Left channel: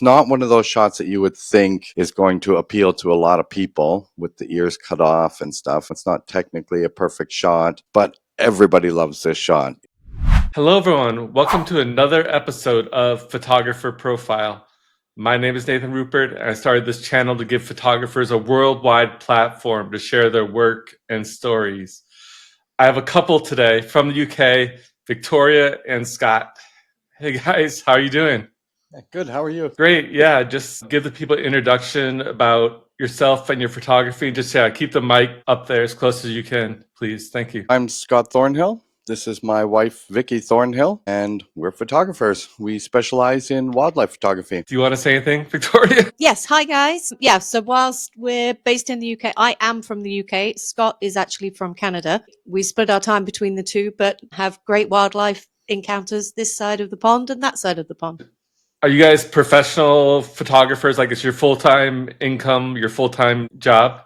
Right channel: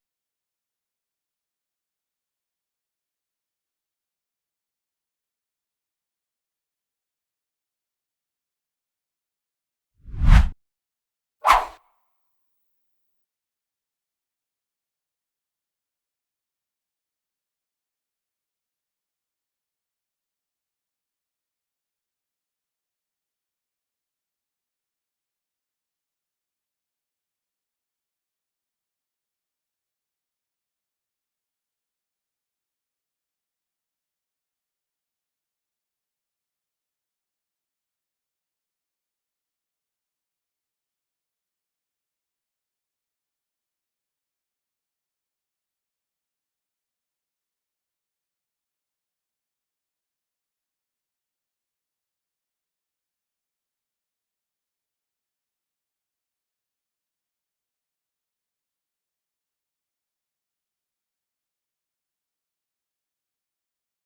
It's not one of those shots that you would think is going to appeal to a lot of people with the ears cut off and stuff. It's not technically a perfect shot, but everybody loves this shot. Hello, everyone. Welcome to another episode of Photographer Profile. My name is Nathan Rupert, and I started this channel to give photographers a worldwide platform to share their work and stories. I have a couple today from the UK, Victoria and Scott. Hey guys, how are you doing? Good. How are you? Great. Yeah, just give the people an introduction about yourself and your photography. Just keep the mic up there as close as you can, please. Thank you. I'm Scott Thornhill. This is my wife, Vicky Thornhill, and we're photographers. We specialize in wildlife photography. Do you want to say anything, Victoria? Yes. Hi, guys. Yeah. So whilst we're based in the UK, I am from the UK. Scott is actually from Canada. We split our time between the two, but have great wildlife encounters this side of the pond and that side of the pond. Are you guys professional photographers? Like, it's your full-time income, your full-time job?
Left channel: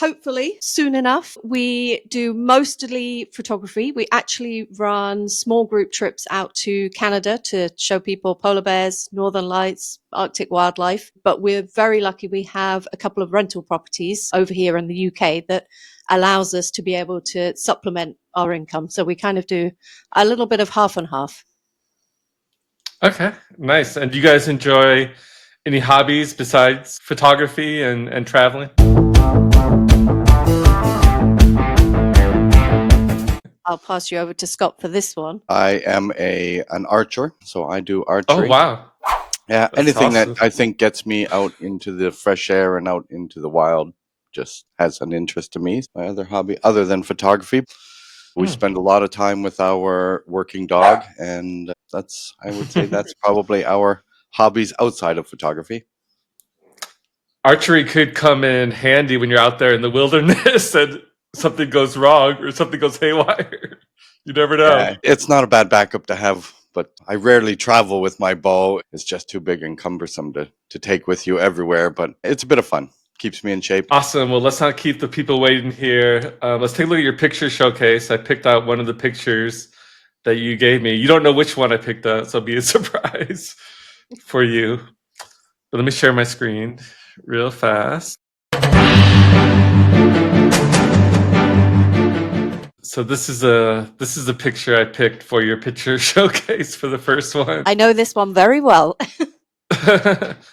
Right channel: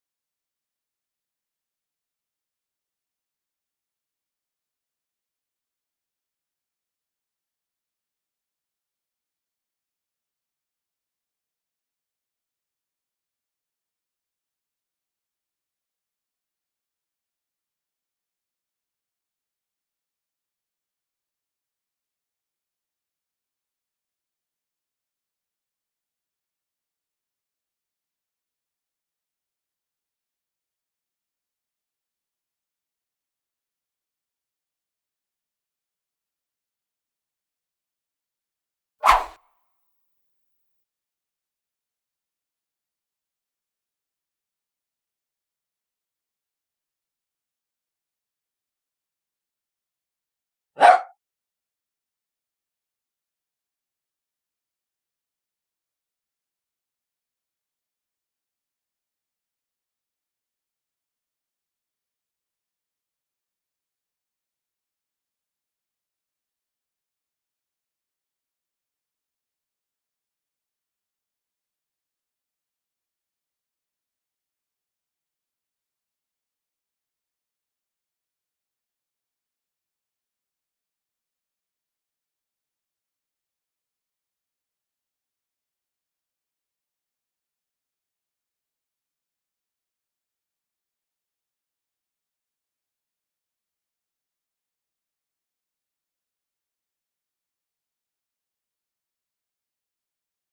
Hopefully soon enough. We do mostly photography. We actually run small group trips out to Canada to show people polar bears, northern lights, Arctic wildlife. But we're very lucky we have a couple of rental properties over here in the UK that allows us to be able to supplement our income. So we kind of do a little bit of half and half. Okay, nice. And do you guys enjoy any hobbies besides photography and traveling? I'll pass you over to Scott for this one. I am an archer, so I do Oh, archery. wow. Yeah, That's anything awesome. that I think gets me out into the fresh air and out into the wild just has an interest to me. My other hobby, other than photography, we spend a lot of time with our working dog, and I would say that's probably our hobbies outside of photography. Archery could come in handy when you're out there in the wilderness and something goes wrong or something goes haywire. You never know. Yeah, it's not a bad backup to have, but I rarely travel with my bow. It's just too big and cumbersome to take with you everywhere, but it's a bit of fun. Keeps me in shape. Awesome. Well, let's not keep the people waiting here. Let's take a look at your picture showcase. I picked out one of the pictures that you gave me. You don't know which one I picked out, so it'll be a surprise for you. But let me share my screen real fast. So this is a picture I picked for your picture showcase for the first one. I know this one very well.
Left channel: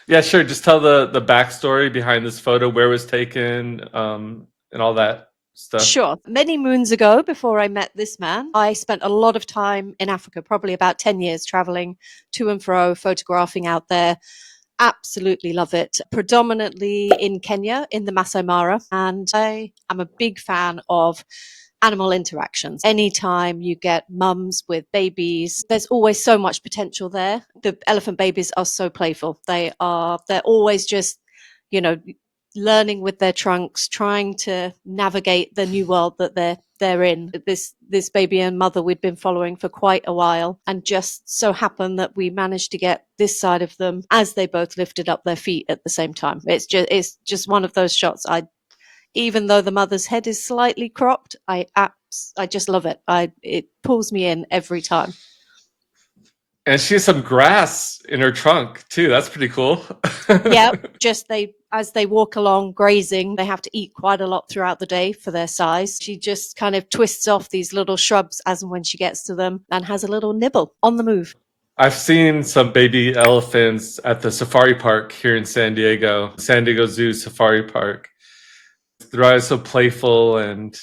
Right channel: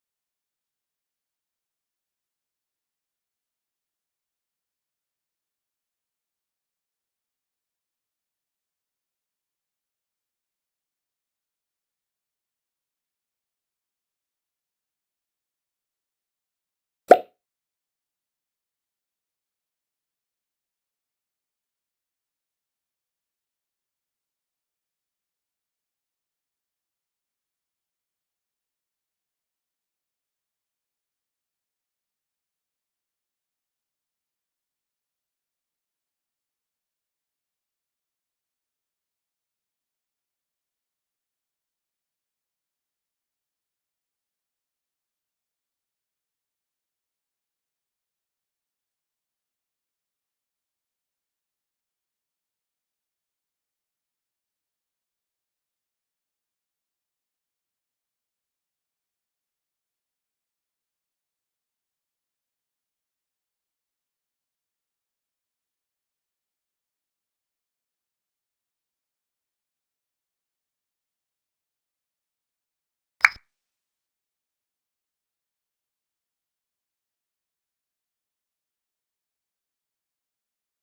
Yeah, sure. Just tell the backstory behind this photo, where it was taken, and all that stuff. Sure. Many moons ago, before I met this man, I spent a lot of time in Africa, probably about 10 years traveling to and fro, photographing out there. Absolutely love it. Predominantly in Kenya, in the Maasai Mara. And I am a big fan of animal interactions. Anytime you get mums with babies, there's always so much potential there. The elephant babies are so playful. They're always just, you know, learning with their trunks, trying to navigate the new world that they're in. This baby and mother we'd been following for quite a while, and just so happened that we managed to get this side of them as they both lifted up their feet at the same time. It's just one of those shots. Even though the mother's head is slightly cropped, I just love it. It pulls me in every time. And she has some grass in her trunk too. That's pretty cool. Yeah, just as they walk along grazing, they have to eat quite a lot throughout the day for their size. She just kind of twists off these little shrubs as and when she gets to them and has a little nibble on the move. I've seen some baby elephants at the safari park here in San Diego Zoo Safari Park. They're always so playful and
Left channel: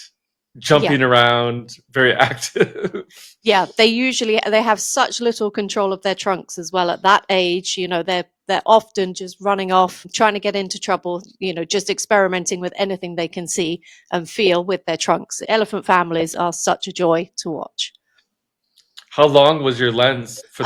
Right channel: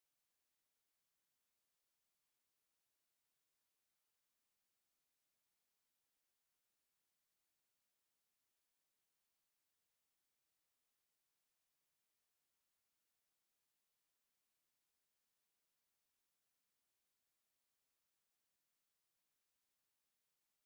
jumping around, very active. Yeah, they have such little control of their trunks as well at that age. They're often just running off, trying to get into trouble, just experimenting with anything they can see and feel with their trunks. Elephant families are such a joy to watch. How long was your lens for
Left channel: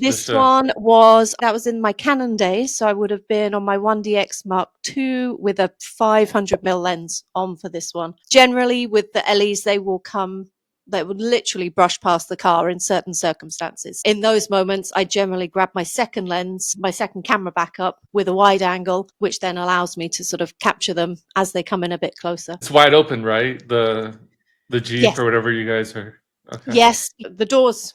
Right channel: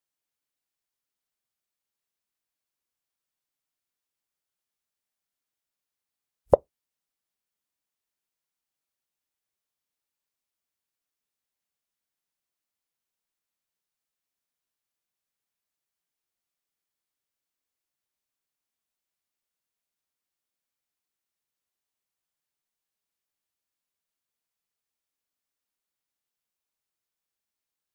This one was in my Canon days, so I would have been on my 1DX Mark II with a 500mm lens on for this one. Generally, with the LEs, they would literally brush past the car in certain circumstances. In those moments, I generally grab my second lens, my second camera backup with a wide angle, which then allows me to sort of capture them as they come in a bit closer. It's wide open, right? The Jeep or whatever you guys are. Okay. Yes, the doors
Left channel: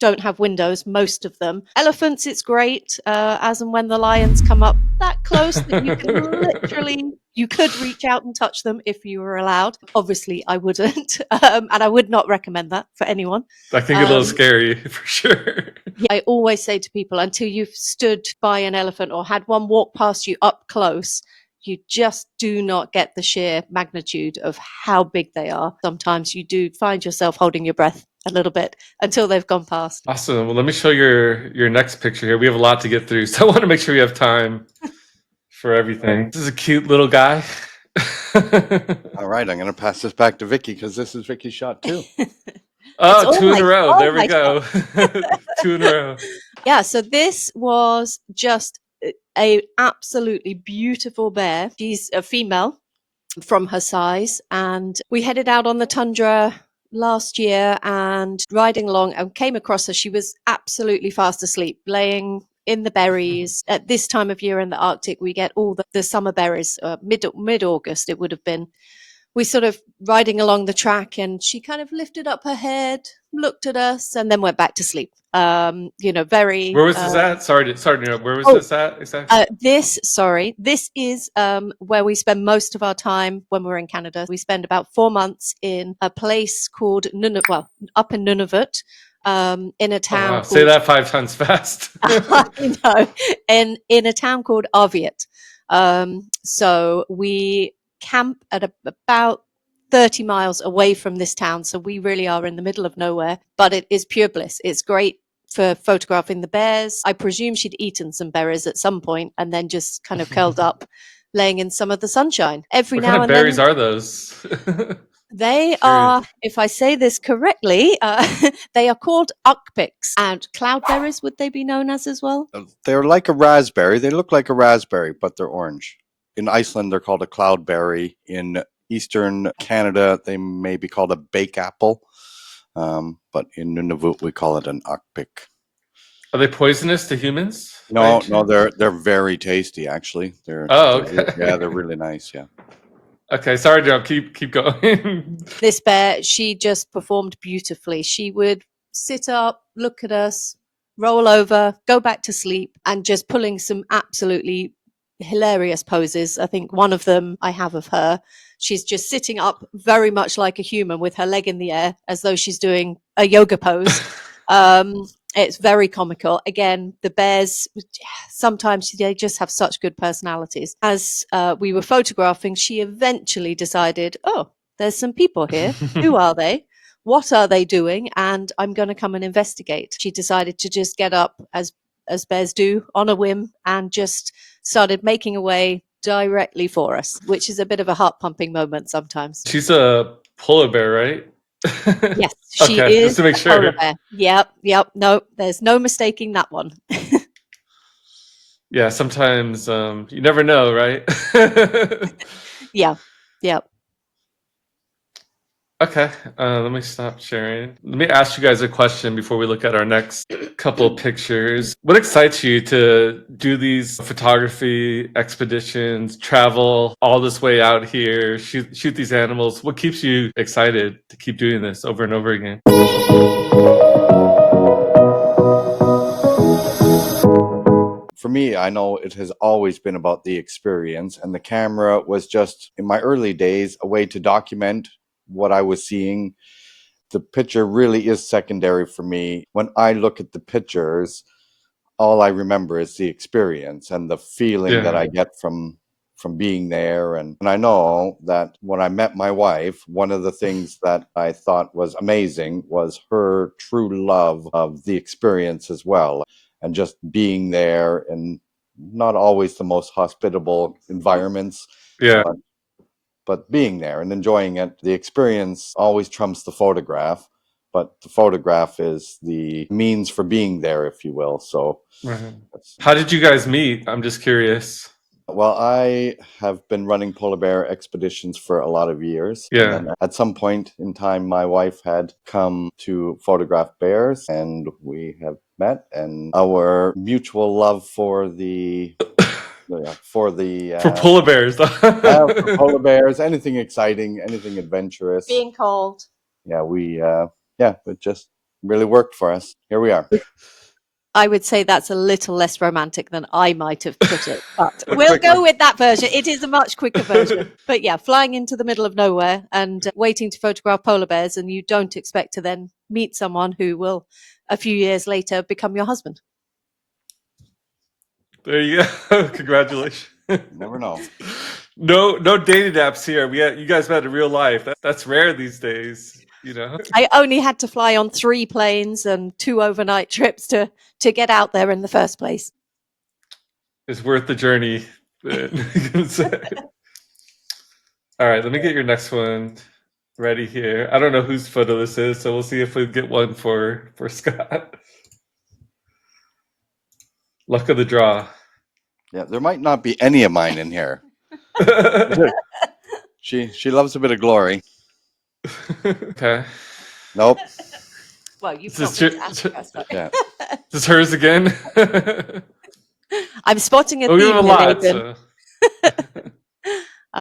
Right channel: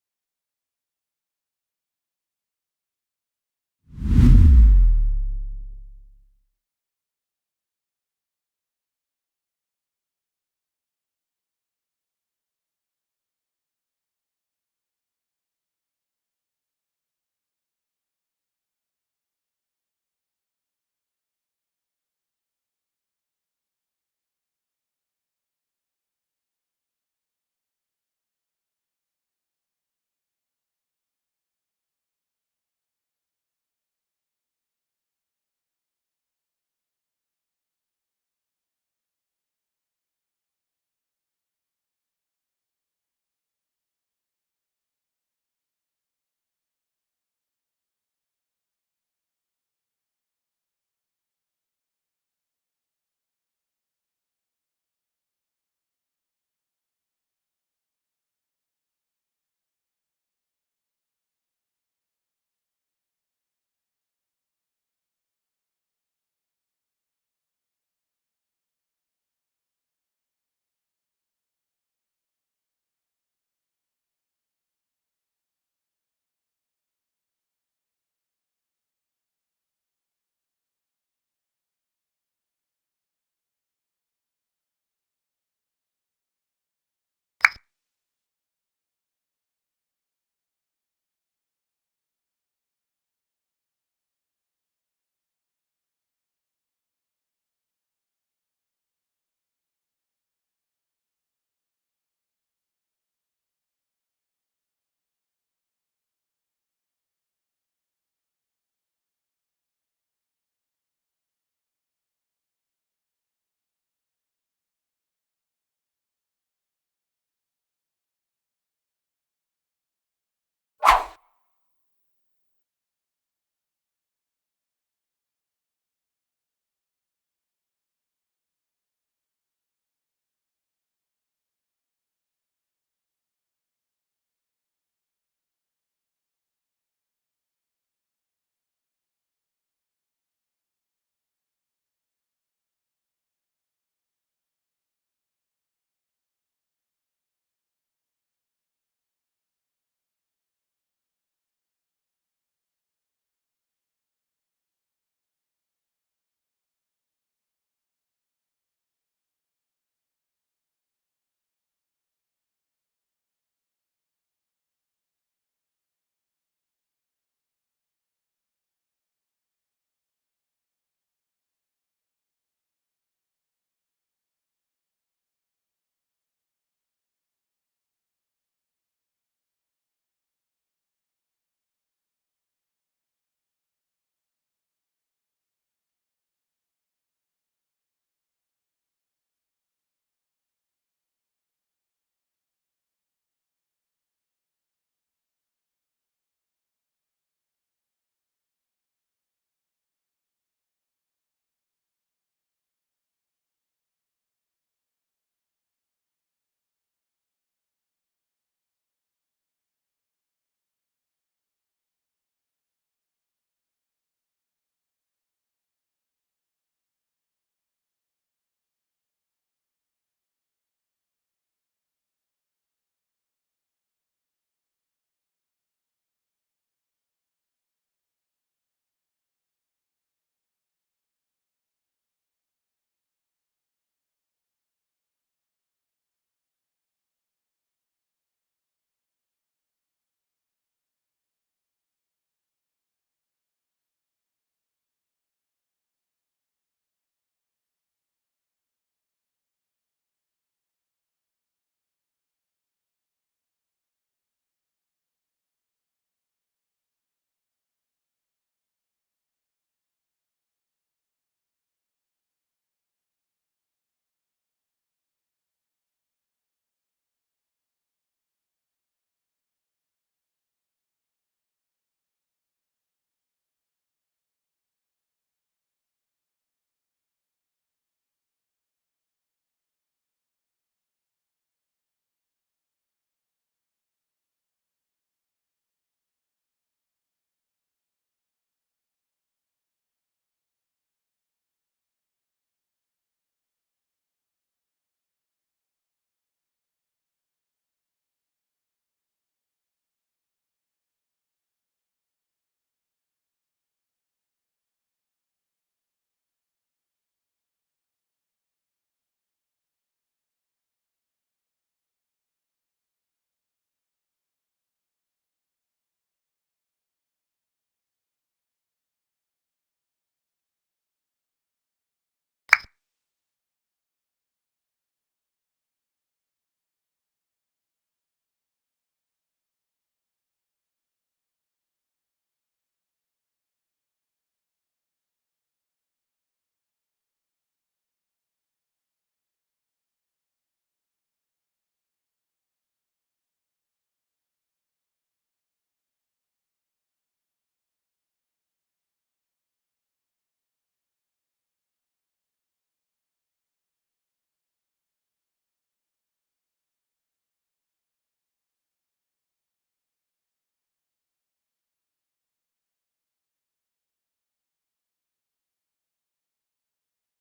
don't have windows, most of them. Elephants, it's great, as and when the lions come up that close that you can literally, you could reach out and touch them if you were allowed. Obviously, I wouldn't, and I would not recommend that for anyone. That can get a little scary for sure. Yeah, I always say to people, until you've stood by an elephant or had one walk past you up close, you just do not get the sheer magnitude of how big they are. Sometimes you do find yourself holding your breath a little bit until they've gone past. Awesome. Well, let me show your next picture here. We have a lot to get through, so I want to make sure we have time for everything. This is a cute little guy. All right, I'm going to pass this back to Vicky because this is Vicky's shot too. Oh, two in a row. There we go. 2 in a row. Yeah, so this was just a absolutely beautiful bear. She's a female from her size, and we headed out on the tundra last year and riding along and came across her. She was absolutely fast asleep, laying in the berries. At this time of year in the Arctic, we get all the summer berries. Mid-August it would have been. We sort of riding along the track, and she kind of lifted up her head, looked at us, and then went back to sleep. Very. Where was this at? Sorry, where was this at exactly? This is where we spend most of our time when we're in Canada. We spend about 4 months in a place called up in Nunavut, in a town. Oh, wow. Say that 5 times fast. In a town called Arviat. So we camp at about 30 miles away from this town, so we really are in the middle of nowhere, but it is pure bliss. It's great for photographing the bears. I presume she'd eaten some berries at some point and then just kind of curled up, laying in some of the sunshine. What kind of berries are those? They are, if I say this correctly, they are called ukpiks. And cloudberries, would they be known as well? They're like a raspberry. They look like a raspberry, but they're orange. In Iceland, they're called a cloudberry. In Eastern Canada, they may be called a bake apple. But in Nunavut, we call it an ukpik. Are they poisonous to humans? No, they're very tasty, actually. Okay. They're really nice, yeah. Okay, sorry, Joe. Keep going. This bear, she just performed beautifully. She would sit up, look at us, roll over, go back to sleep, and just pulling some absolutely hilarious poses. I think one of them I have of her. She's just sitting up very much like a human with her leg in the air as though she's doing a yoga pose. It's very comical. Again, the bears, sometimes they just have such good personalities. As we were photographing, she eventually decided, oh, there's some people here. Who are they? What are they doing? And I'm going to come and investigate. She decided to just get up as bears do on a whim and just started making away directly for us, which is a bit of a heart-pumping moment sometimes. She's a polar bear, right? Yes, she is just to make sure. Polar bear. Yep. No, there's no mistaking that one. Yeah, sometimes you never know, right? Yeah. Okay, let me stop sharing. Let me ask you guys a question before we look at our next couple of pictures. What excites you to do these photography expeditions, travel all this way out here, shoot these animals? What keeps you excited to keep doing this over and over again? For me, I know it has always been about the experience, and the camera was just, in my early days, a way to document what I was seeing. The picture really is secondary for me. When I look at the pictures, all I remember is the experience and the feeling that I get from being there. And I know that when I met my wife, one of the things that I thought was amazing was her true love of the experience as well, and just being there in not always the most hospitable environments. Yeah. But being there and enjoying it. The experience always trumps the photograph, but the photograph is the means for being there, if you will. So how did you guys meet? I'm just curious. Well, I have been running polar bear expeditions for a lot of years. Yeah. And then at some point in time, my wife had come to photograph bears, and we have met, and our mutual love for for polar bears. For polar bears, anything exciting, anything adventurous. Being cold. Yeah, it just really worked for us. Here we are. I would say that's a little less romantic than I might have put it, but But we'll quicker. go with that version. It is a much quicker version. But yeah, flying into the middle of nowhere and waiting to photograph polar bears, and you don't expect to then meet someone who will, a few years later, become your husband. There you go. Congratulations. Never know. No dating apps here. You guys met in real life. That's rare these days, you know. I only had to fly on 3 planes and 2 overnight trips to get out there in the first place. It's worth the journey. All right, let me get your next one ready here. I don't know whose photo this is, so we'll see if we get one for Scott. Luck of the draw. Yeah, there might not be any of mine in here. She loves a bit of glory. Okay. Nope. Well, you've Is not this been to Africa, so. Yeah. Is this hers again? I'm spotting a Oh, we have theme a here, lot. Nathan. So.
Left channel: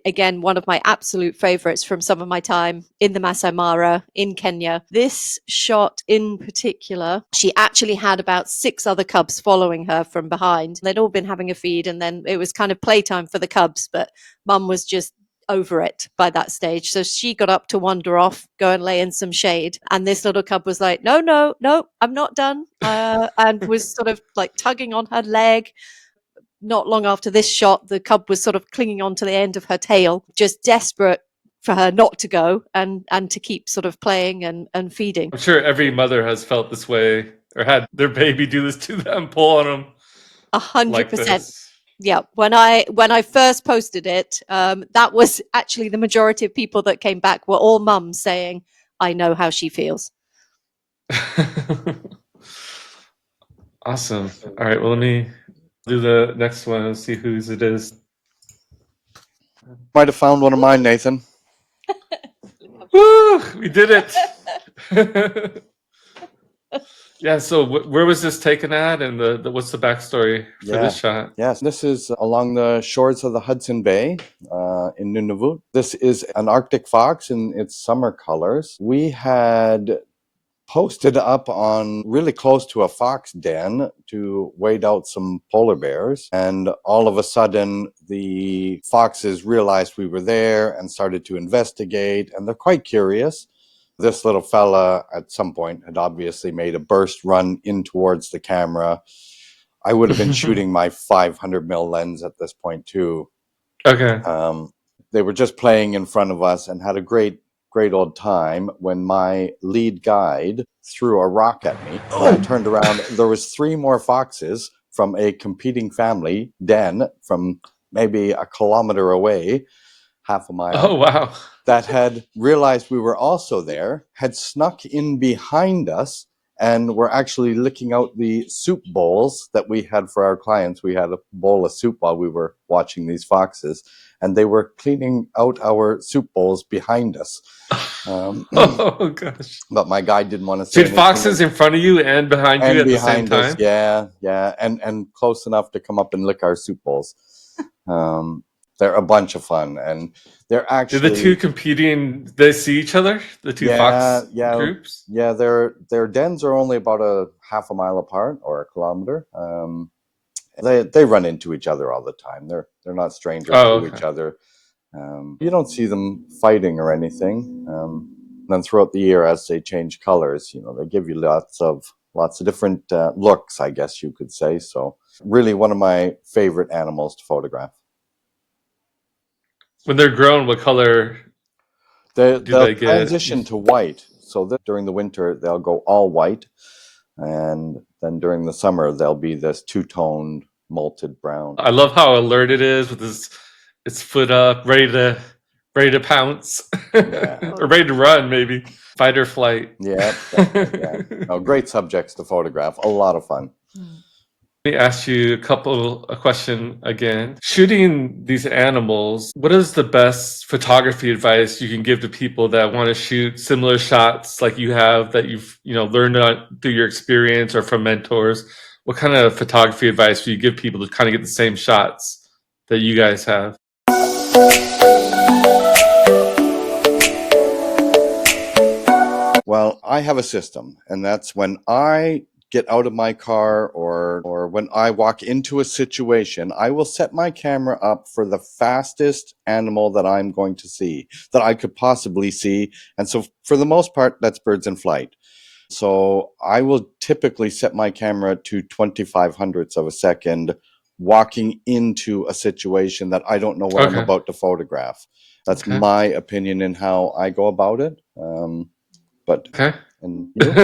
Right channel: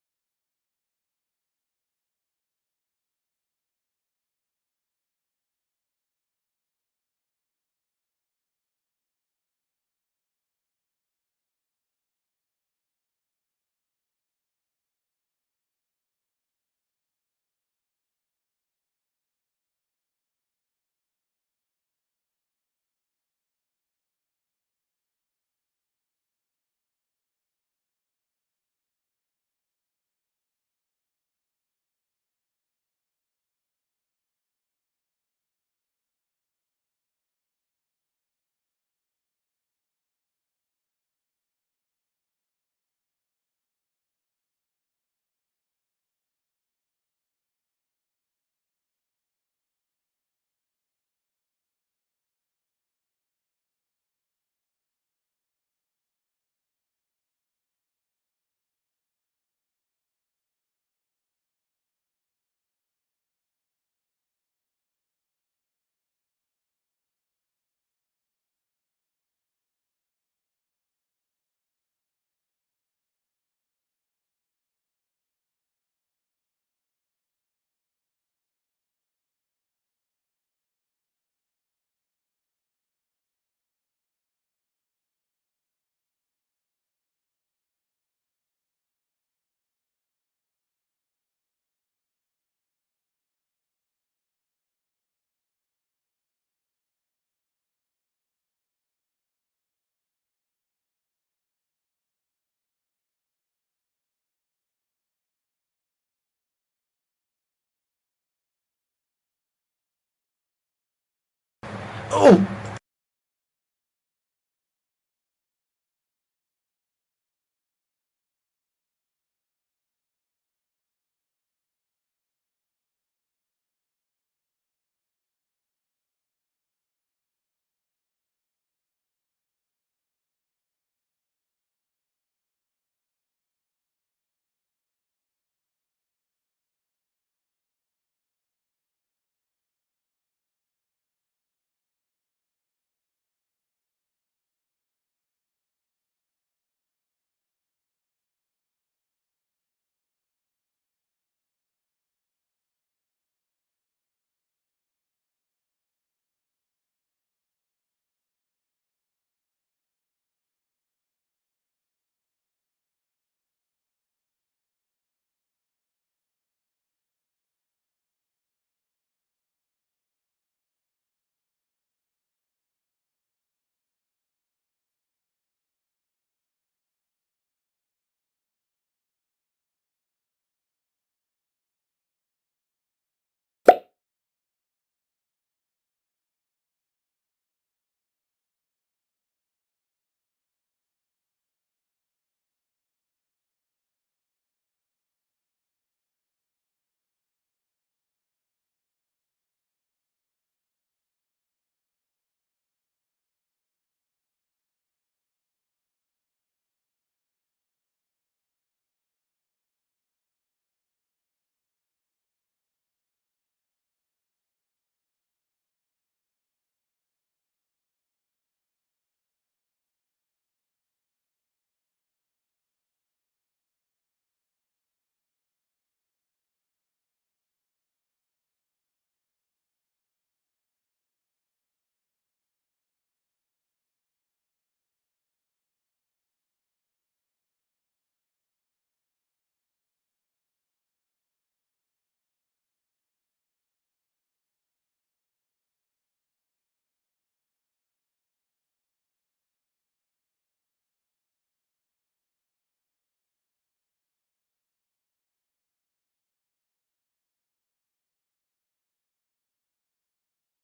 Again, one of my absolute favorites from some of my time in the Maasai Mara in Kenya. This shot in particular, she actually had about 6 other cubs following her from behind. They'd all been having a feed, and then it was kind of playtime for the cubs, but Mum was just over it by that stage. So she got up to wander off, go and lay in some shade. And this little cub was like, no, I'm not done. And was sort of like tugging on her leg. Not long after this shot, the cub was sort of clinging onto the end of her tail, just desperate for her not to go and to keep sort of playing and feeding. I'm sure every mother has felt this way or had their baby do this to them, pull on them. 100%. This. Yeah, when I first posted it, that was actually the majority of people that came back were all mums saying, "I know how she feels." Awesome. All right, well, let me do the next one and see whose it is. Might have found one of mine, Nathan. Woo! We did it. Yeah, so where was this taken at, and what's the backstory for this shot? Yes, this is along the shores of the Hudson Bay in Nunavut. This is an Arctic fox in its summer colors. We had posted up on really close to a fox den to wait out some polar bears, and all of a sudden the foxes realized we were there and started to investigate, and they're quite curious. This little fella at some point had obviously made a burst run in towards the camera. I would have been shooting my 500 mil lens at this point too. Okay. They were just playing in front of us and had a great old time when my lead guide threw a rock at me. I turned around. There was 3 more foxes from a competing family den from maybe a kilometer away, half a mile. Oh, wow. That had realized we were also there, had snuck in behind us, and were actually licking out the soup bowls that we had for our clients. We had a bowl of soup while we were watching these foxes, and they were cleaning out our soup bowls behind us. Oh, gosh. But my guide didn't want to say Did foxes in front of you and behind you at the same time? Yeah, and close enough to come up and lick our soup bowls. They're a bunch of fun, and they're actually... Did the two competing, they see each other? The two fox groups? Yeah, their dens are only about a half a mile apart or a kilometer. They run into each other all the time. They're not strangers to each other. You don't see them fighting or anything. Then throughout the year, as they change colors, they give you lots of different looks, I guess you could say. So really one of my favorite animals to photograph. When they're grown, what color do they get? Transition to white. So during the winter, they'll go all white. And then during the summer, they'll be this 2-toned malted brown. I love how alert it is with its foot up, ready to pounce. Or ready to run, maybe. Fight or flight. Yeah. No, great subjects to photograph. A lot of fun. Let me ask you a question again. Shooting these animals, what is the best photography advice you can give to people that want to shoot similar shots like you have, that you've learned through your experience or from mentors? What kind of photography advice do you give people to kind of get the same shots that you guys have? Well, I have a system, and that's when I get out of my car or when I walk into a situation, I will set my camera up for the fastest animal that I'm going to see, that I could possibly see. And so for the most part, that's birds in flight. So I will typically set my camera to 25 hundredths of a second walking into a situation that I don't know what I'm Okay. about to photograph. That's Okay. my opinion in how I go about it. But Okay. and you?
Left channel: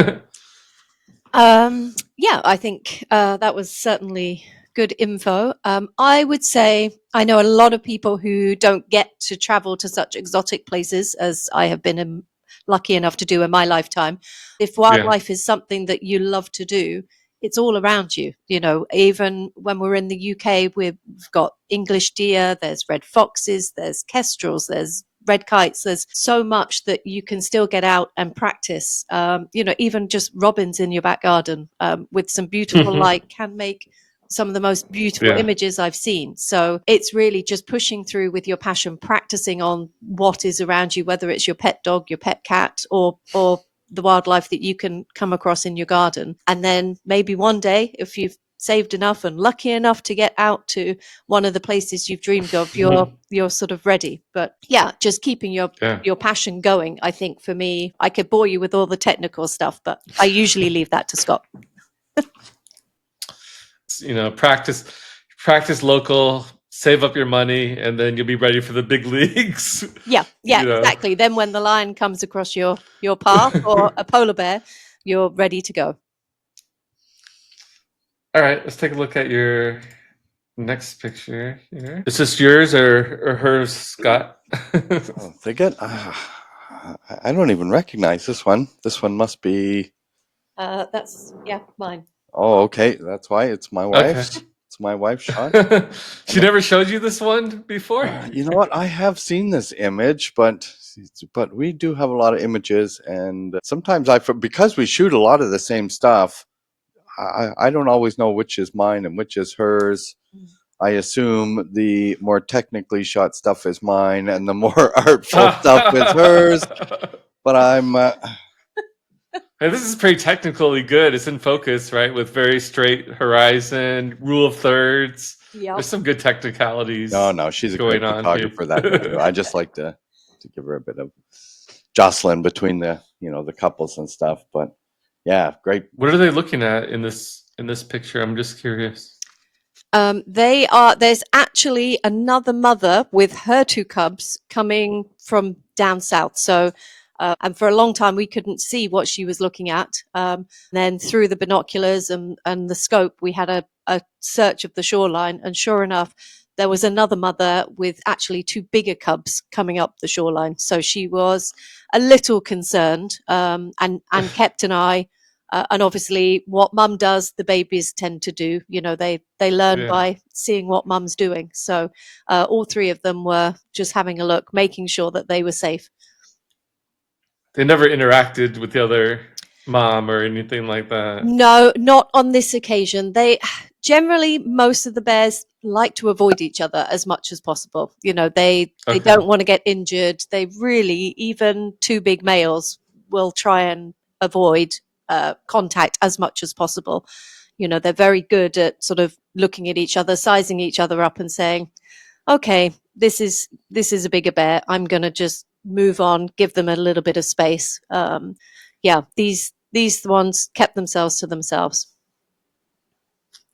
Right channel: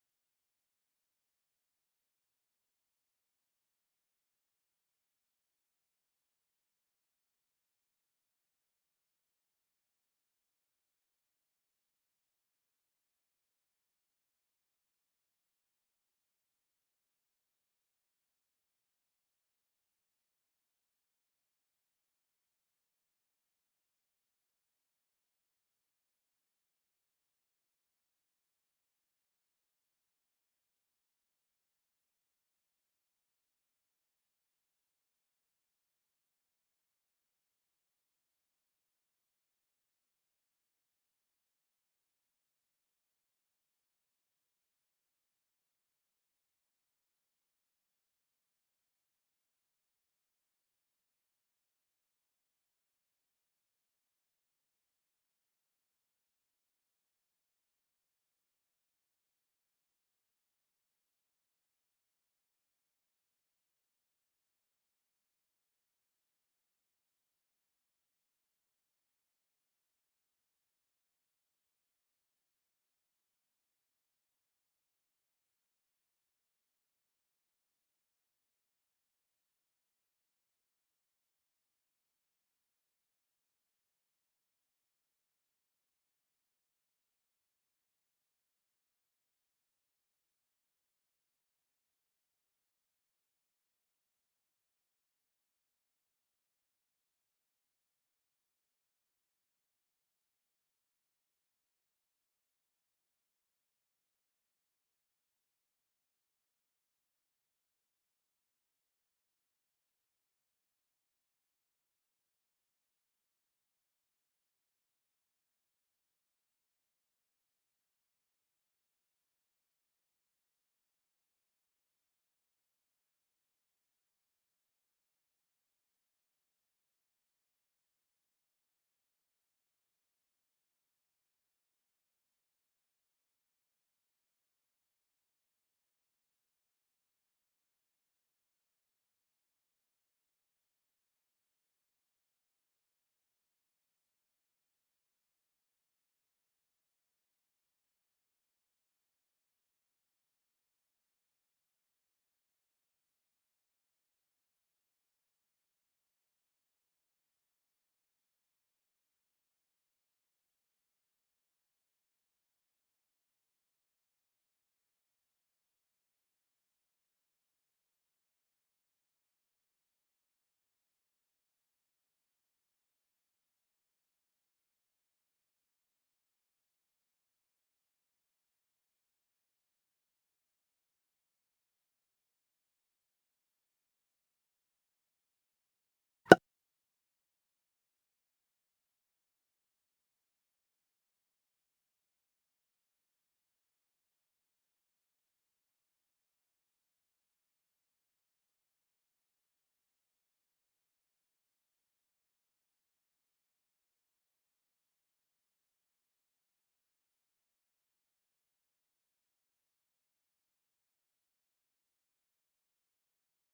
Yeah, I think that was certainly good info. I would say I know a lot of people who don't get to travel to such exotic places as I have been lucky enough to do in my lifetime. If Yeah. wildlife is something that you love to do, it's all around you. You know, even when we're in the UK, we've got English deer, there's red foxes, there's kestrels, there's red kites. There's so much that you can still get out and practice. You know, even just robins in your back garden with some beautiful light can make some of the most beautiful Yeah. images I've seen. So it's really just pushing through with your passion, practicing on what is around you, whether it's your pet dog, your pet cat, or the wildlife that you can come across in your garden. And then maybe one day, if you've saved enough and lucky enough to get out to one of the places you've dreamed of, you're sort of ready. But yeah, just keeping Yeah. your passion going. I think for me, I could bore you with all the technical stuff, but I usually leave that to Scott. You know, practice local, save up your money, and then you'll be ready for the big leagues. Yeah, You know. exactly. Then when the lion comes across your path or a polar bear, you're ready to go. All right, let's take a look at your next picture here. Is this yours or hers, Scott? Oh, they get. I don't even recognize this one. This one must be. That's mine. Oh, okay. That's why it's my Okay. wife's. It's my wife's shot. She never showed you this one before? You know what? I have seen this image, but we do have a lot of images, and sometimes because we shoot a lot of the same stuff, I don't always know which is mine and which is hers. I assume the more technically shot stuff is mine, and the more artful stuff is hers. But I'm. And this is pretty technically good. It's in focus, right? With very straight horizon, rule of thirds. Yep. There's some good technicalities No, she's a great going on here. photographer that way too. I just like to give her a bit of jostling between the the couples and stuff. But yeah, great. What are they looking at in this picture? I'm just curious. There's actually another mother with her two cubs coming from down south. So, and for a long time we couldn't see what she was looking at. Then through the binoculars and the scope, we had a search of the shoreline, and sure enough, there was another mother with actually two bigger cubs coming up the shoreline. So she was a little concerned, and kept an eye. And obviously, what mum does, the babies tend to do. You know, they learn by seeing what mum's doing. So all three of them were just having a look, making sure that they were safe. They never interacted with the other mom or anything like that. No, not on this occasion. They generally, most of the bears like to avoid each other as much as possible. You know, they don't want to get injured. They really, even two big males will try and avoid contact as much as possible. You know, they're very good at sort of looking at each other, sizing each other up, and saying, "Okay, this is a bigger bear. I'm going to just move on, give them a little bit of space." Yeah, these ones kept themselves to themselves.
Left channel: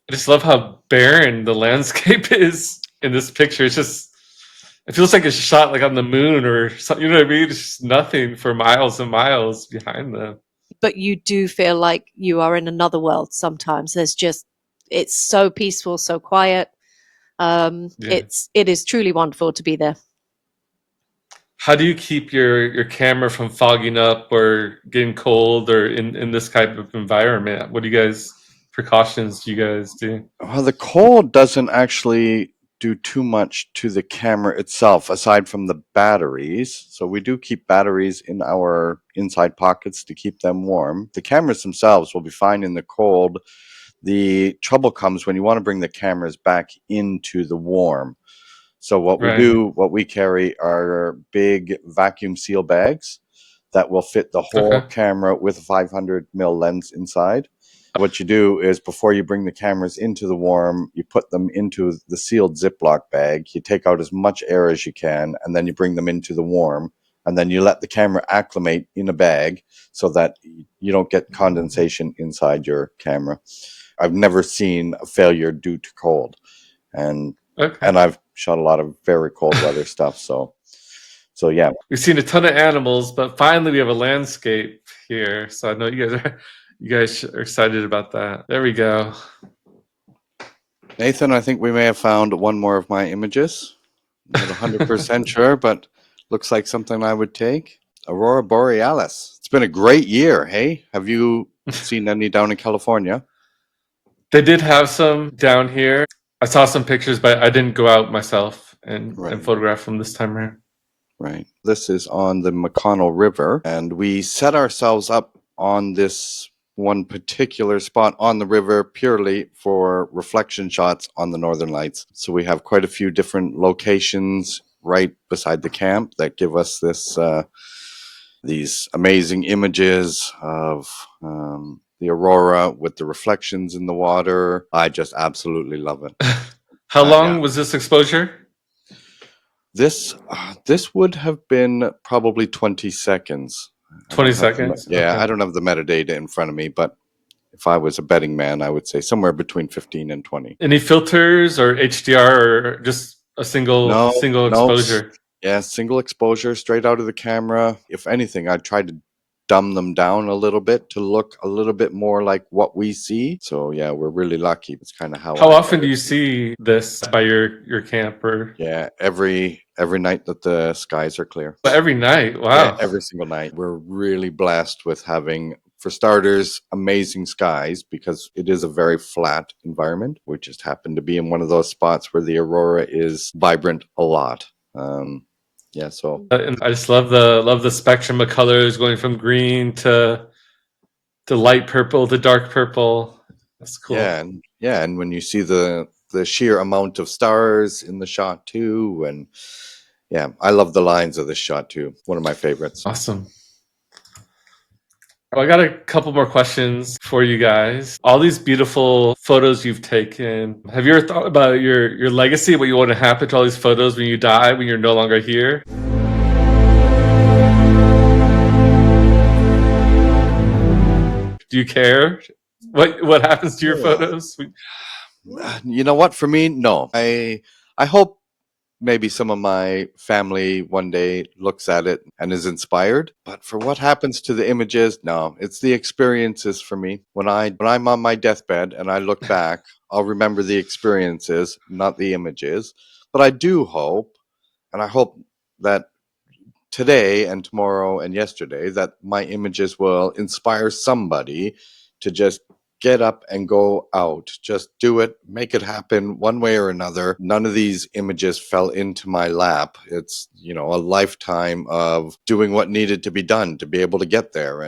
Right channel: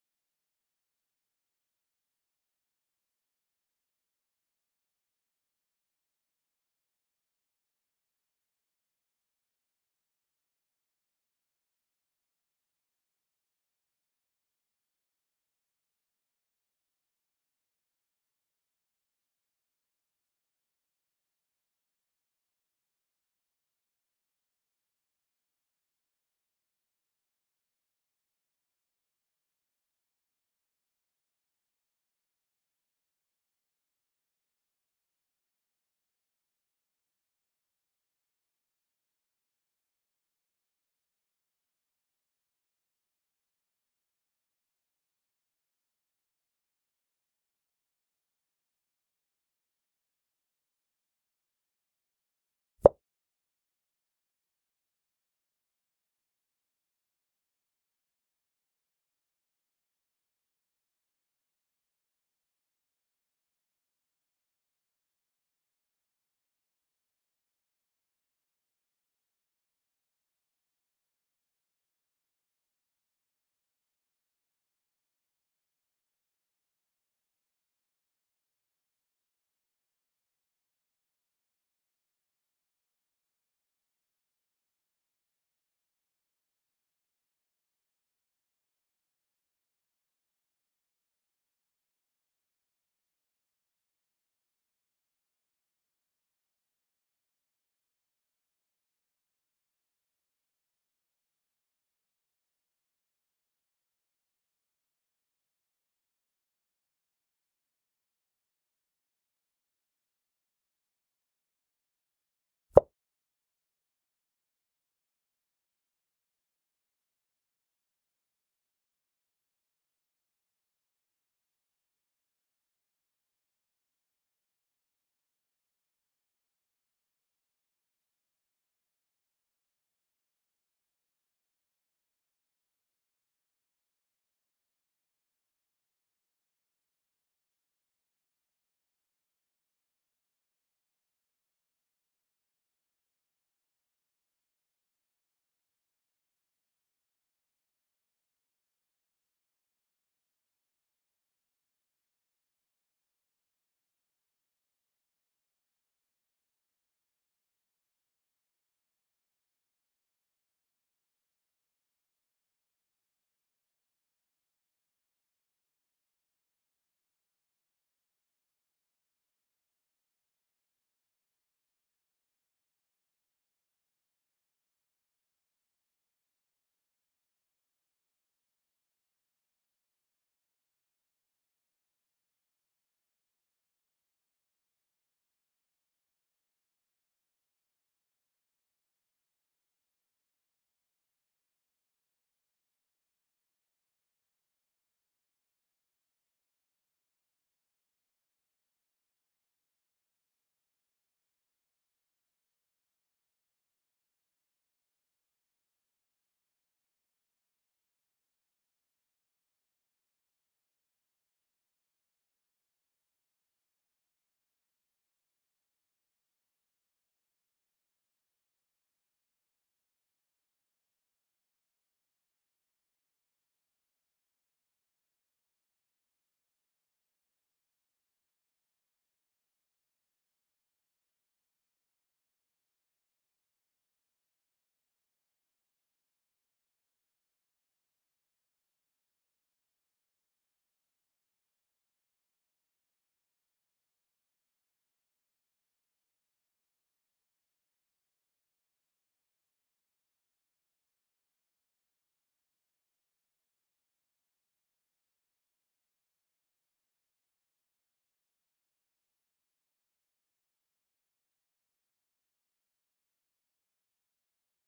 I just love how barren the landscape is in this picture. It's just, it feels like it's shot like on the moon or something. You know what I mean? It's just nothing for miles and miles behind them. But you do feel like you are in another world sometimes. It's so peaceful, so quiet. It is truly wonderful to be there. How do you keep your camera from fogging up or getting cold or in this type of environment? What precautions do you guys do? Well, the cold doesn't actually do too much to the camera itself, aside from the batteries. So we do keep batteries in our inside pockets to keep them warm. The cameras themselves will be fine in the cold. The trouble comes when you want to bring the cameras back into the warm. So what we Right. do, what we carry are big vacuum seal bags. that will fit the whole Okay. camera with a 500 mil lens inside. What you do is before you bring the cameras into the warm, you put them into the sealed Ziploc bag. You take out as much air as you can, and then you bring them into the warm. And then you let the camera acclimate in a bag so that you don't get condensation inside your camera. I've never seen a failure due to cold. And Okay. I've shot a lot of very cold weather stuff. So yeah. We've seen a ton of animals, but finally we have a landscape here. So I know you guys are excited about that. There we go. Nathan, I think we may have found one more of my images. Not 100% sure, but looks like something I would take. Aurora Borealis. It's been a great year, hey? Have you seen any down in California? They did have some down here. I saw some pictures, but I didn't go out myself and Right. photograph them this time around. Right. This is on the McConnell River, and we set ourselves up on this one particular spot on the river purely for reflection shots on the Northern Lights. So we have quite a few different locations right beside the camp that give us this these amazing images of the aurora with the reflections in the water. I just absolutely love it. How Yeah. long was this exposure? This would have been probably 20 seconds. 20 seconds? Yeah, Okay. I don't have the metadata in front of me, but if I was a betting man, I would say somewhere between 15 and 20. Any filters or HDR or just a single No, exposure? yeah, single exposure straight out of the camera. If anything, I tried to dumb them down a little bit to look a little bit more like what we see. So yeah, we're really lucky. It's kind of how How I often do edit. you see this by your camp? Or Yeah, every night that the skies are clear. every night? Yeah, Wow. every single night. We're really blessed with having, for starters, amazing skies because it is a very flat environment. We just happen to be in one of those spots where the aurora is vibrant a lot. Yeah, so And I just love the spectrum of colors going from green to light purple to dark purple. That's cool. and when you see the sheer amount of stars in the shot too, and yeah, I love the lines of this shot too. One of my favorites. Awesome. Well, I got a couple more questions for you guys. All these beautiful photos you've taken. Have you ever thought about your legacy, what you want to happen to all these photos when you die, when you're no longer here? Do you care what happens to your photos? You know what? For me, no. I hope maybe some of my family one day looks at it and is inspired. But for what happens to the images, no. It's the experiences for me. When I'm on my deathbed and I look back, I'll remember the experiences, not the images. But I do hope, and I hope that today and tomorrow and yesterday that my images will inspire somebody to just get up and go out. Just do it, make it happen one way or another. None of these images fell into my lap. It's, a lifetime of doing what needed to be done to be able to get there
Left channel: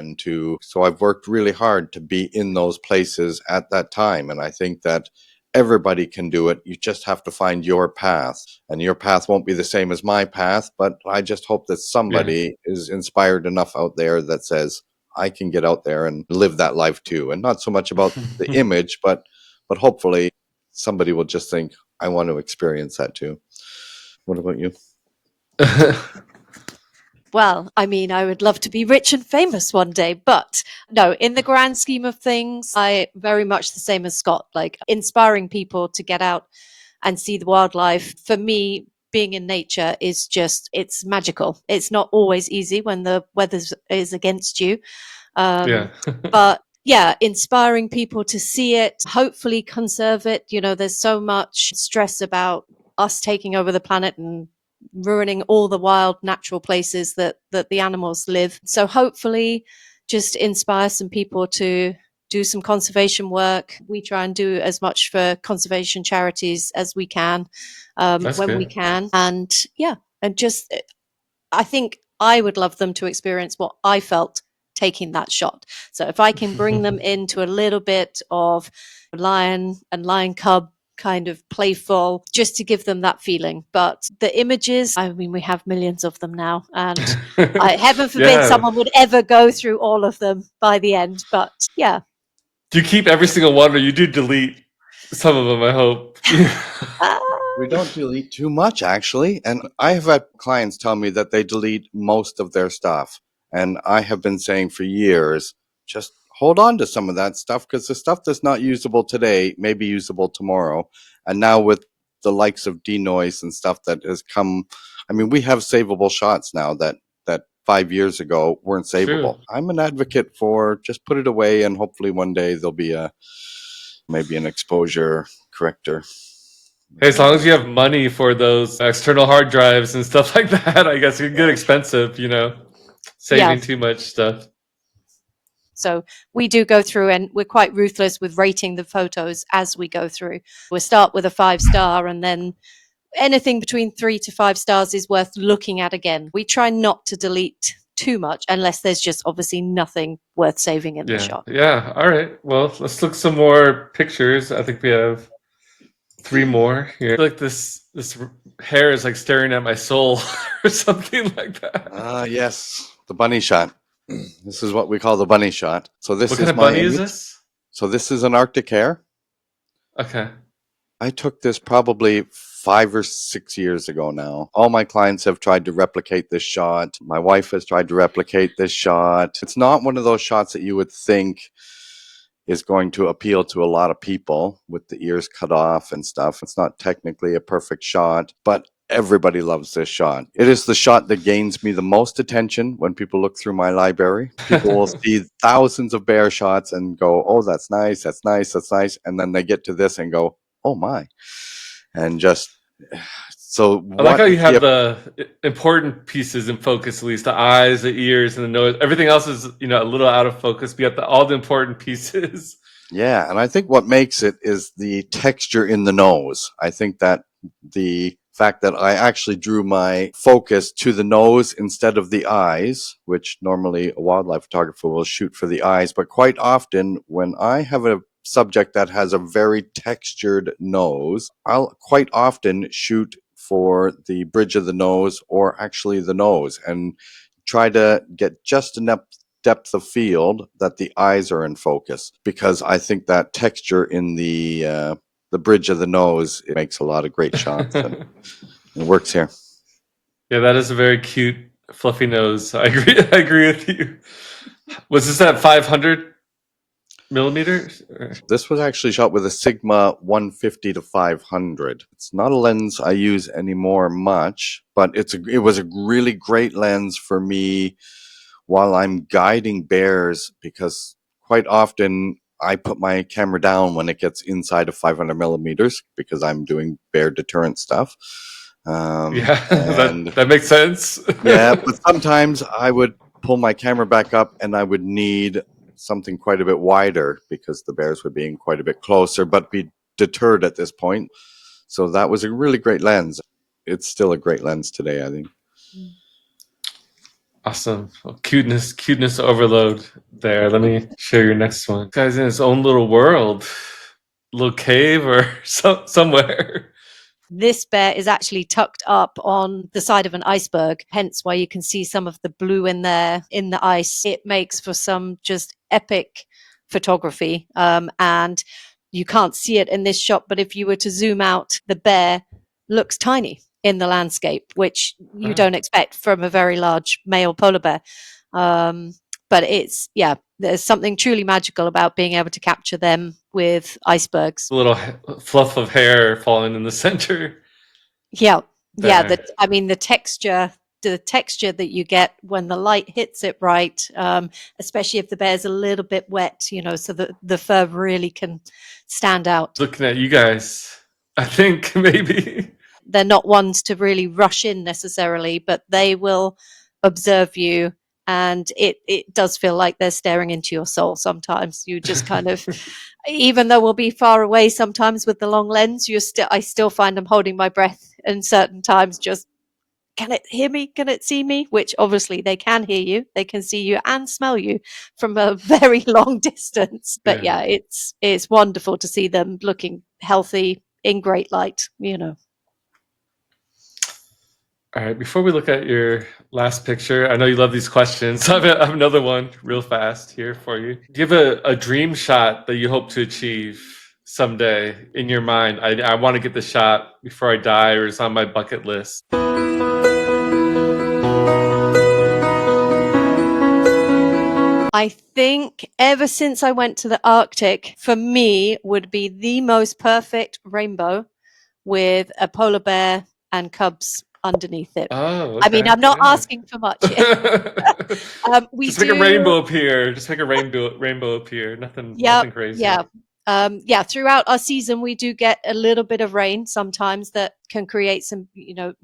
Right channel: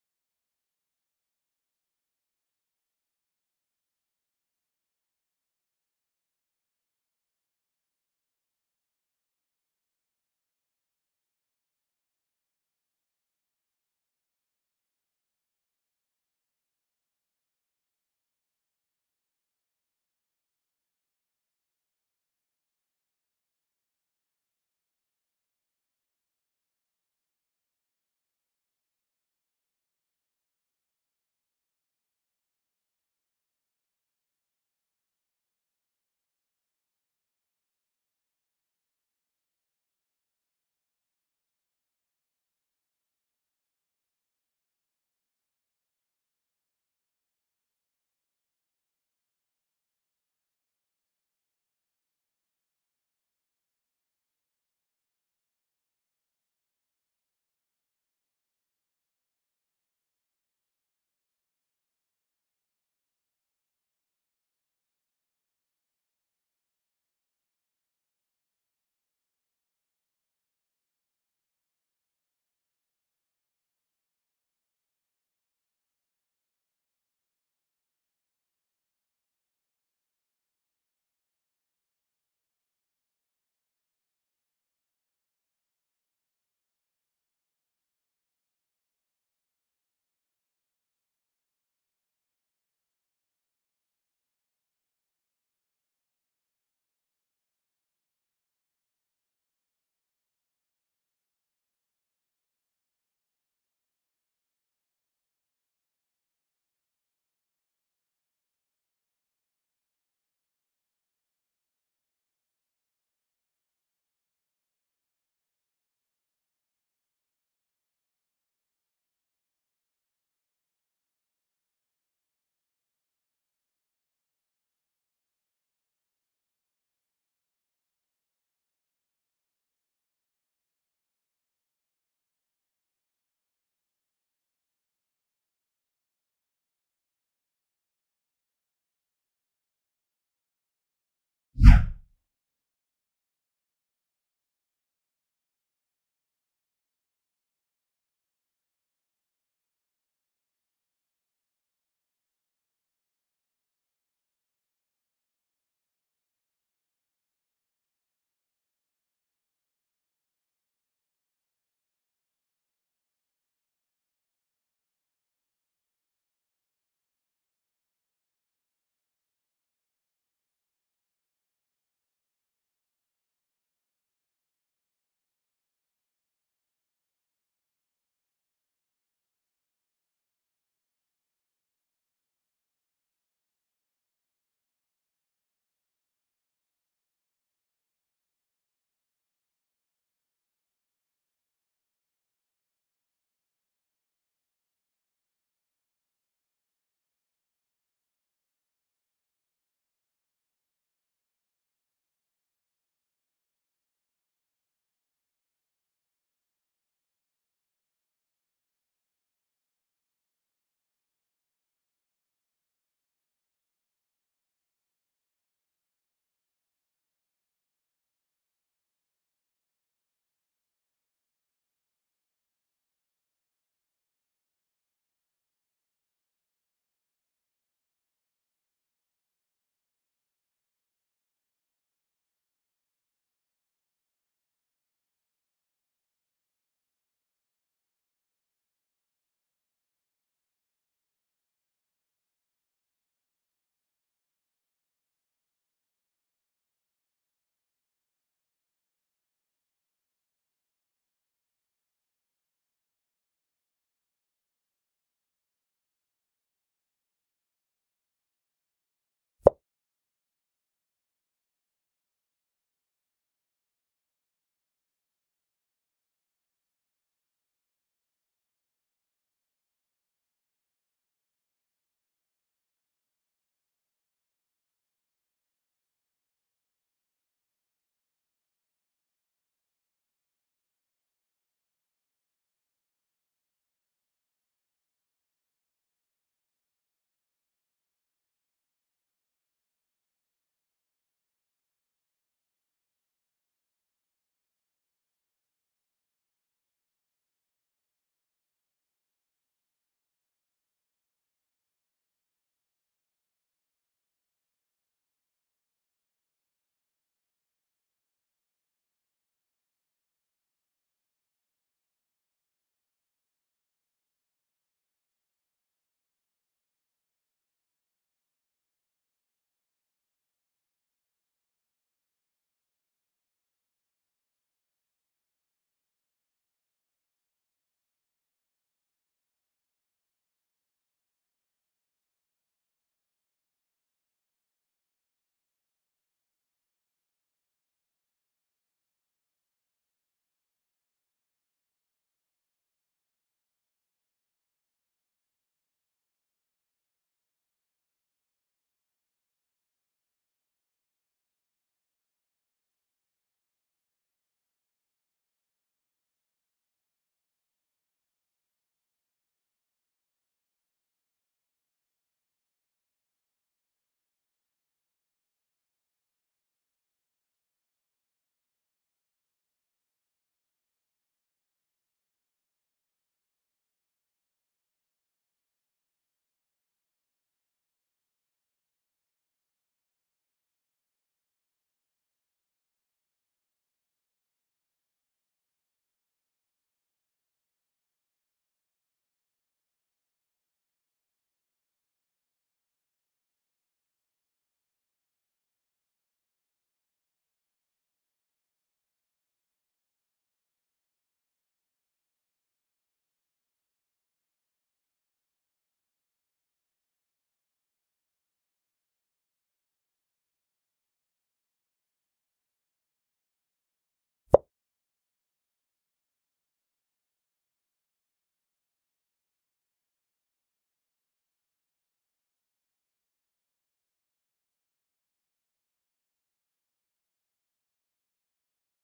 so I've worked really hard to be in those places at that time. And I think that everybody can do it. You just have to find your path, and your path won't be the same as my path. But I just hope that somebody is inspired enough out there that says, I can get out there and live that life too. And not so much about the image, but hopefully somebody will just think, I want to experience that too. What about you? Well, I mean, I would love to be rich and famous one day, but no, in the grand scheme of things, I very much the same as Scott, like inspiring people to get out and see the wildlife. For me, being in nature is it's magical. It's not always easy when the weather is against you. Yeah. But yeah, inspiring people to see it, hopefully conserve it. There's so much stress about us taking over the planet and ruining all the wild natural places that the animals live. So hopefully just inspire some people to do some conservation work. We try and do as much for conservation charities as we can, That's when we good. can. And yeah, and just I think I would love them to experience what I felt taking that shot. So if I can bring them into a little bit of lion and lion cub kind of playful, just to give them that feeling. But the images, I mean, we have millions of them now, and heaven forbid Yeah. someone would ever go through all of them by the end. But yeah. Do you keep every single one, or you do delete some of them, I hope? We don't delete too much, actually. And I have had clients tell me that they delete most of their stuff. And I have been saying for years, just hold on to some of that stuff, because the stuff that's not usable today may be usable tomorrow. And now with the likes of denoise and stuff that has come, I mean, we have savable shots now that 5 years ago weren't savable. True. I'm an advocate for just put it away, and hopefully one day there'll be maybe an exposure corrector. Hey, as long as you have money for those external hard drives and stuff like that, I guess it can get expensive, saving too much stuff. So we do go through, and we're quite ruthless with rating the photos as we go through. We'll start with a 5-star, and then anything between 3 to 5 stars is worth looking at again. We try not to delete too much unless there's just obviously nothing worth saving in the shot. Yeah. All right. Well, let's look some more pictures. I think we have 3 more here. Like this hair is like staring at my soul or something like that. Yes, the bunny shot. This is what we call the bunny shot. So this What is kind of my bunny is image. this? So this is an Arctic hare. Okay. I took this probably 5 or 6 years ago now. All my clients have tried to replicate this shot. My wife has tried to replicate this shot. It's not one of those shots that you would think is going to appeal to a lot of people with the ears cut off and stuff. It's not technically a perfect shot, but everybody loves this shot. It is the shot that gains me the most attention when people look through my library. People will see thousands of bear shots and go, oh, that's nice, that's nice, that's nice. And then they get to this and go, oh my. And just, so I like how you have the important pieces in focus, at least the eyes, the ears, and the nose. Everything else is, a little out of focus. We got all the important pieces. Yeah, and I think what makes it is the texture in the nose. I think that the fact that I actually drew my focus to the nose instead of the eyes, which normally a wildlife photographer will shoot for the eyes, but quite often when I have a subject that has a very textured nose, I'll quite often shoot for the bridge of the nose or actually the nose and try to get just enough depth of field that the eyes are in focus, because I think that texture in the bridge of the nose, it makes a lot of great shots, and it works here. Yeah, that is a very cute, fluffy nose. I agree. I agree with you. Was this at 500 millimeters? This was actually shot with a Sigma 150 to 500. It's not a lens I use anymore much, but it was a really great lens for me while I'm guiding bears, because quite often I put my camera down when it gets inside of 500 millimeters because I'm doing bear deterrent stuff. Yeah, and that makes sense. yeah, but sometimes I would pull my camera back up and I would need something quite a bit wider because the bears were being quite a bit closer, but be deterred at this point. So that was a really great lens. It's still a great lens today, I think. Awesome. Well, cuteness overload there. Let me share your next one. This guy's in his own little world, little cave or somewhere. This bear is actually tucked up on the side of an iceberg, hence why you can see some of the blue in there in the ice. It makes for some just epic photography, and you can't see it in this shot, but if you were to zoom out, the bear looks tiny in the landscape, which you don't expect from a very large male polar bear. But there's something truly magical about being able to capture them with icebergs. A little fluff of hair falling in the center. Yeah. There. The texture that you get when the light hits it right, especially if the bear's a little bit wet, so the fur really can stand out. Looking at you guys, I think maybe they're not ones to really rush in necessarily, but they will observe you, and it does feel like they're staring into your soul sometimes. You just kind of even though we'll be far away sometimes with the long lens, I still find I'm holding my breath in certain times, just, can it hear me? Can it see me? Which obviously they can hear you, they can see you and smell you from a very long distance. But yeah, it's wonderful to see them looking healthy in great light, you know. All right, before we look at your last picture, I know you love these questions. I have another one real fast here for you. Do you have a dream shot that you hope to achieve someday in your mind? I want to get the shot before I die, or it's on my bucket list. I think ever since I went to the Arctic, for me, would be the most perfect rainbow with a polar bear and cubs underneath it. Oh, I mean, okay. I'm not Yeah. asking for much. We Just make a do. rainbow appear. Just make a rainbow appear. Nothing crazy. Yeah. Throughout our season, we do get a little bit of rain sometimes that can create some,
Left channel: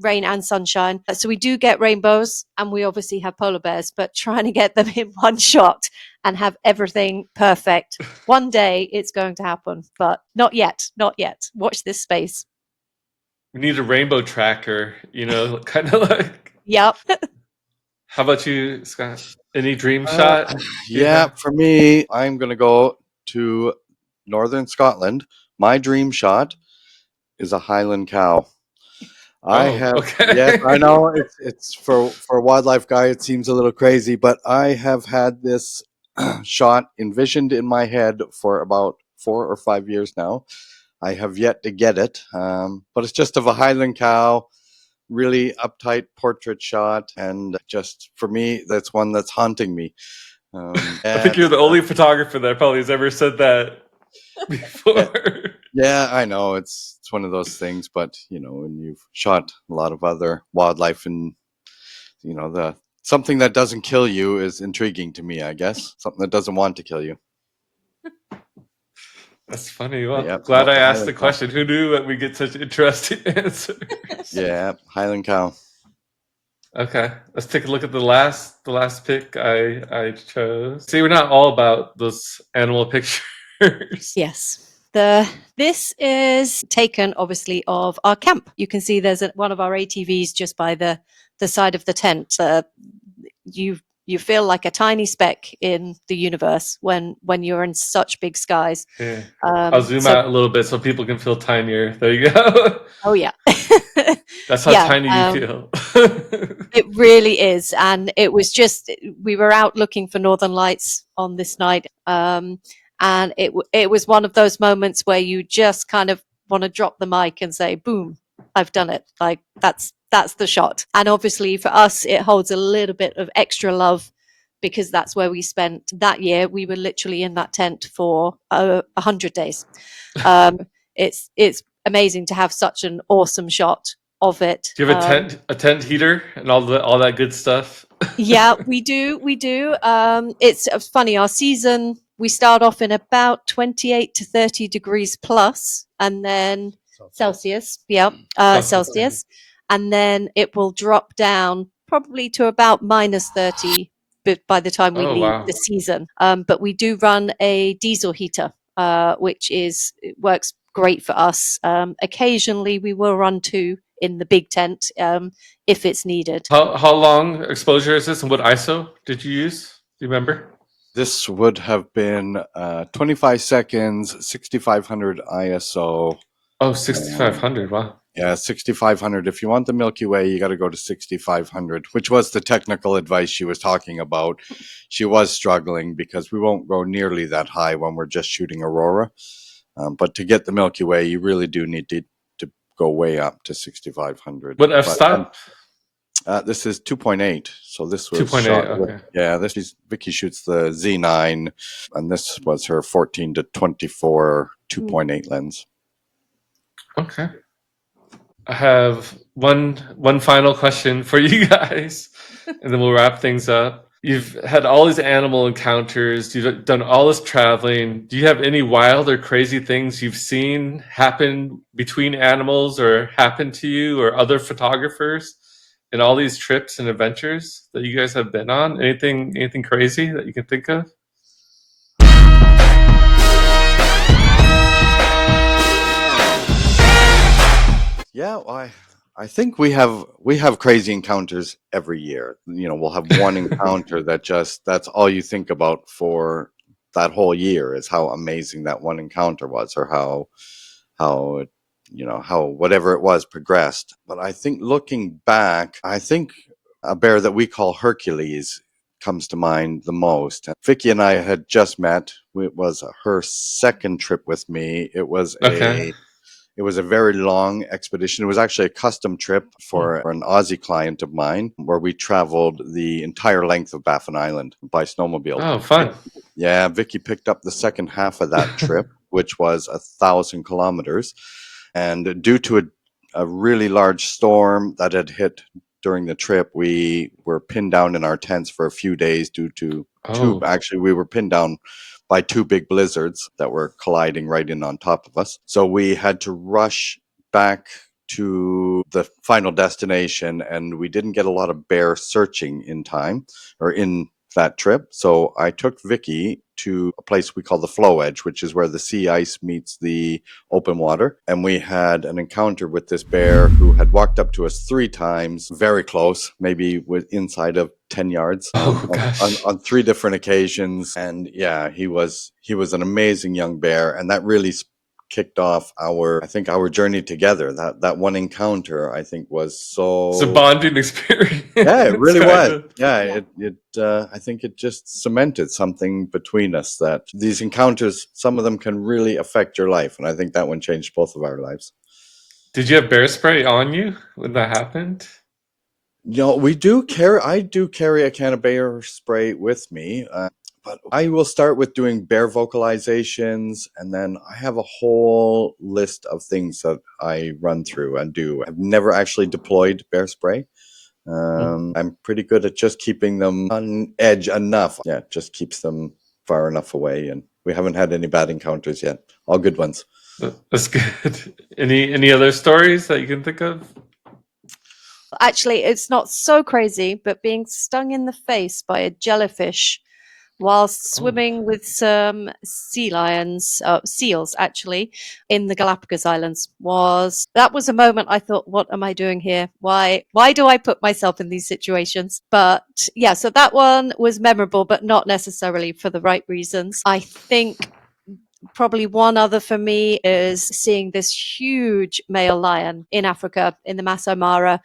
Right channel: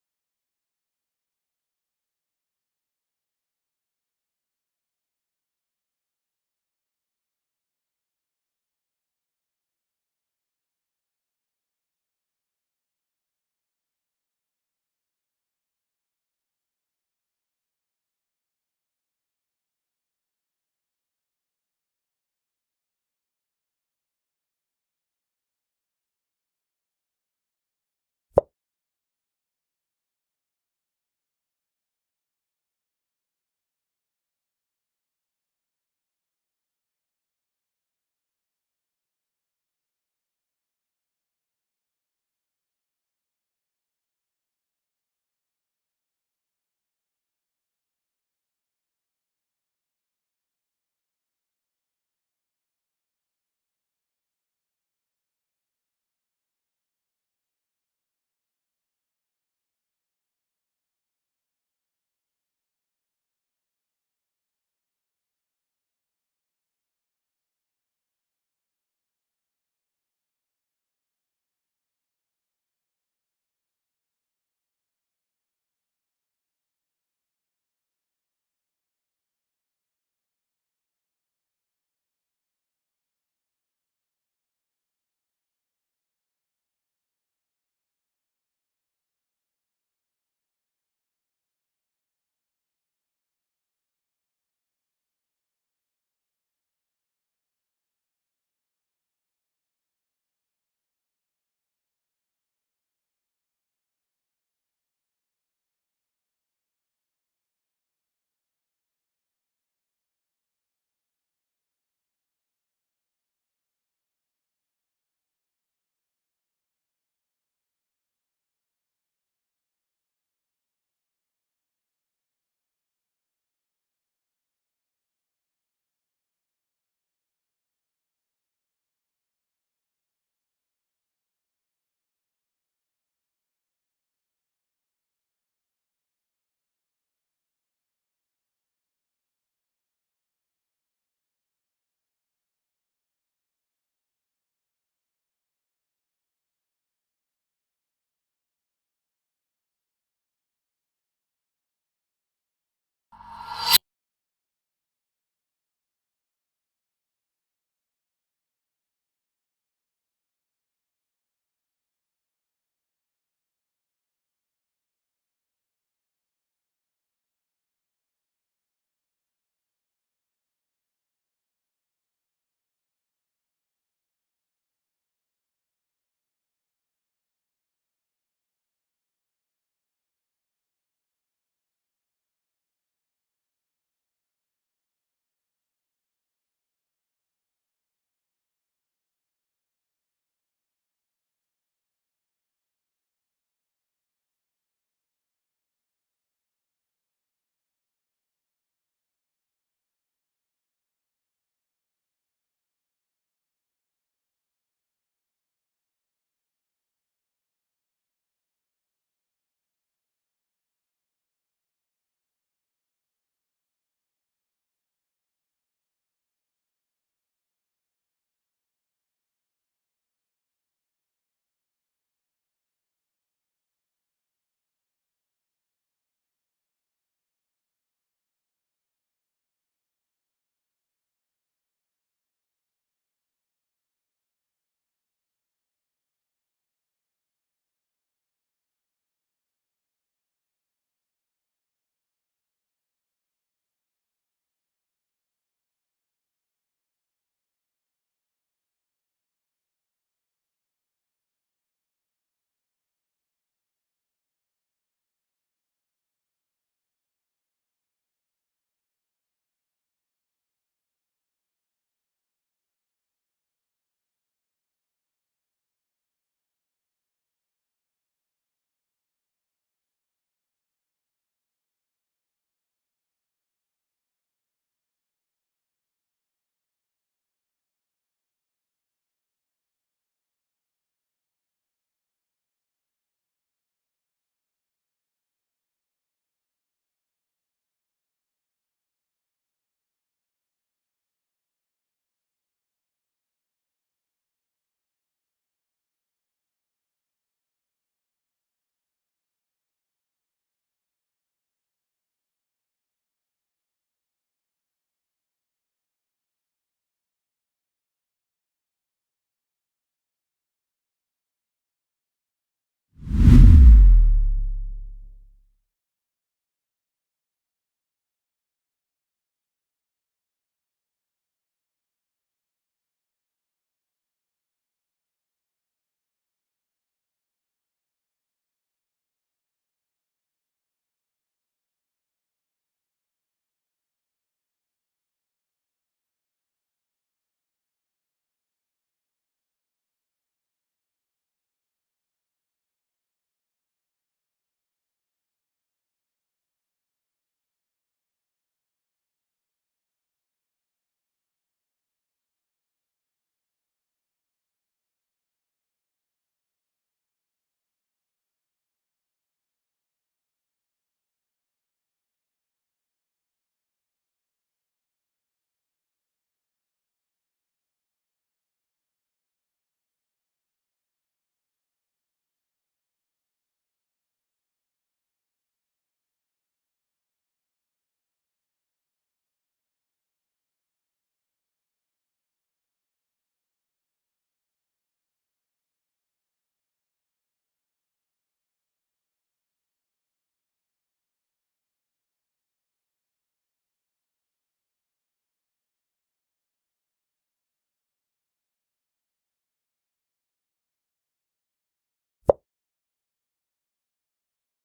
rain and sunshine. So we do get rainbows, and we obviously have polar bears, but trying to get them in one shot and have everything perfect. One day it's going to happen, but not yet. Not yet. Watch this space. We need a rainbow tracker, kind of like. Yep. How about you, Scott? Any dream Uh, shot? yeah, for me, I'm going to go to northern Scotland. My dream shot is a Highland cow. I Oh, have, yes, I okay. know it's for a wildlife guy, it seems a little crazy, but I have had this shot envisioned in my head for about 4 or 5 years now. I have yet to get it, but it's just of a Highland cow, really uptight portrait shot, and just for me, that's one that's haunting me. I think And you're the only photographer that probably has ever said that yeah, before. yeah, I know it's one of those things, but when you've shot a lot of other wildlife, and the something that doesn't kill you is intriguing to me, I guess. Something that doesn't want to kill you. That's funny. But Well, yeah, glad no, I asked the Highland cow. question. Who knew that we get such interesting answers? Yeah, Highland cow. Okay, let's take a look at the last pick I chose. See, we're not all about those animal pictures. Yes. This is taken obviously of our camp. You can see there's one of our ATVs just by the side of the tent. You feel like a tiny speck in the universe when you're in such big skies. Yeah. I'll zoom So out a little bit so people can feel tinier. There you go. oh yeah. That's how Yeah, tiny you feel. it really is. And it was just, we were out looking for northern lights on this night. And it was one of those moments where you just kind of want to drop the mic and say, boom, I've done it. Like that's the shot. And obviously for us, it holds a little bit of extra love because that's where we spent that year. We were literally in that tent for 100 days. It's amazing to have such an awesome shot of it. Do you have a tent heater and all that good stuff? Yeah, we do. We do. It's funny. Our season, we start off in about 28 to 30 degrees plus, and then Celsius. Yeah, Celsius. And then it will drop down probably to about minus 30 by the time we Oh leave wow. the season. But we do run a diesel heater, which it works great for us. Occasionally, we will run two in the big tent if it's needed. How long exposure is this, and what ISO did you use? Do you remember? This would have been 25 seconds, 6500 ISO. Oh, 6500. Wow. Yeah, 6500. If you want the Milky Way, you got to go to 6500, which was the technical advice she was talking about. She was struggling because we won't go nearly that high when we're just shooting Aurora. But to get the Milky Way, you really do need to go way up to 6500. What f But stop? this is 2.8. So this was 2.8. shot. Okay. Yeah, Vicky shoots the Z9, and this was her 14 to 24 2.8 lens. Okay. I have one final question for you guys, and then we'll wrap things up. You've had all these animal encounters. You've done all this traveling. Do you have any wild or crazy things you've seen happen between animals or happen to you or other photographers in all these trips and adventures that you guys have been on? Anything crazy that you can think of? Yeah, well, I think we have crazy encounters every year. We'll have one encounter that's all you think about for that whole year is how amazing that one encounter was, or how how whatever it was progressed. But I think looking back, I think a bear that we call Hercules comes to mind the most. Vicky and I had just met. It was her second trip with me. Okay. It was a very long expedition. It was actually a custom trip for an Aussie client of mine where we traveled the entire length of Baffin Island by snowmobile. Oh, fun. Yeah, Vicky picked up the second half of that trip, which was 1,000 kilometers. And due to a really large storm that had hit during the trip, we were pinned down in our tents for a few days due to Oh. actually, we were pinned down by two big blizzards that were colliding right in on top of us. So we had to rush back to the final destination, and we didn't get a lot of bear searching in time or in that trip. So I took Vicky to a place we call the flow edge, which is where the sea ice meets the open water. And we had an encounter with this bear who had walked up to us 3 times, very close, maybe inside of 10 yards, Oh gosh. on 3 different occasions. And yeah, he was an amazing young bear. And that really kicked off our journey together. That one encounter, I think, was It's a so. bonding experience. Yeah, it really kind was. of. Yeah, I think it just cemented something between us, that these encounters, some of them can really affect your life, and I think that one changed both of our lives. Did you have bear spray on you when that happened? I do carry a can of bear spray with me, but I will start with doing bear vocalizations, and then I have a whole list of things that I run through and do. I've never actually deployed bear spray. I'm pretty good at just keeping them on edge enough. Yeah, it just keeps them far enough away, and we haven't had any bad encounters yet. All good ones. That's good. Any other stories that you can think of? Actually, it's not so crazy, but being stung in the face by a jellyfish whilst Oh. swimming with some seals actually, in the Galapagos Islands was a moment I thought, what am I doing here? Why do I put myself in these situations? But yeah, so that one was memorable, but not necessarily for the right reasons. I think probably one other for me is seeing this huge male lion in Africa in the Maasai Mara,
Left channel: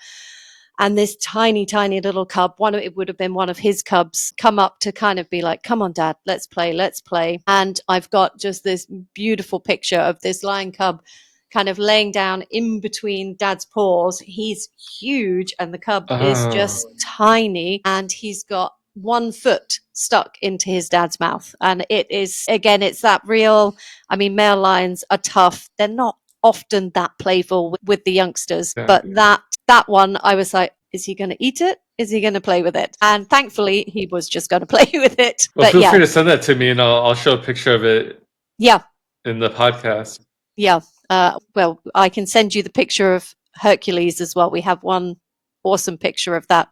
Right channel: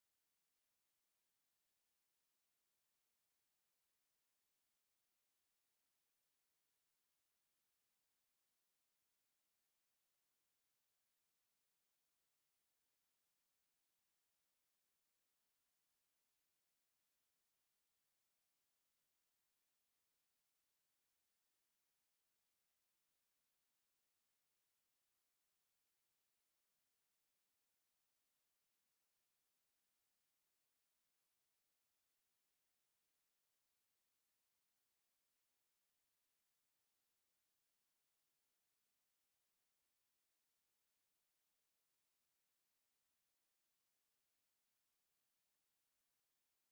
and this tiny, tiny little cub, it would have been one of his cubs, come up to kind of be like, come on, Dad, let's play, let's play. And I've got just this beautiful picture of this lion cub kind of laying down in between Dad's paws. He's huge, and the cub is Oh. just tiny, and he's got one foot stuck into his dad's mouth. And it is, again, it's that real, I mean, male lions are tough. They're not often that playful with the youngsters, Yeah. but that one, I was like, is he going to eat it? Is he going to play with it? And thankfully, he was just going to play with it. Well, But feel yeah, free to send that to me, and I'll show a picture of it yeah, in the podcast. yeah. Well, I can send you the picture of Hercules as well. We have one awesome picture of that.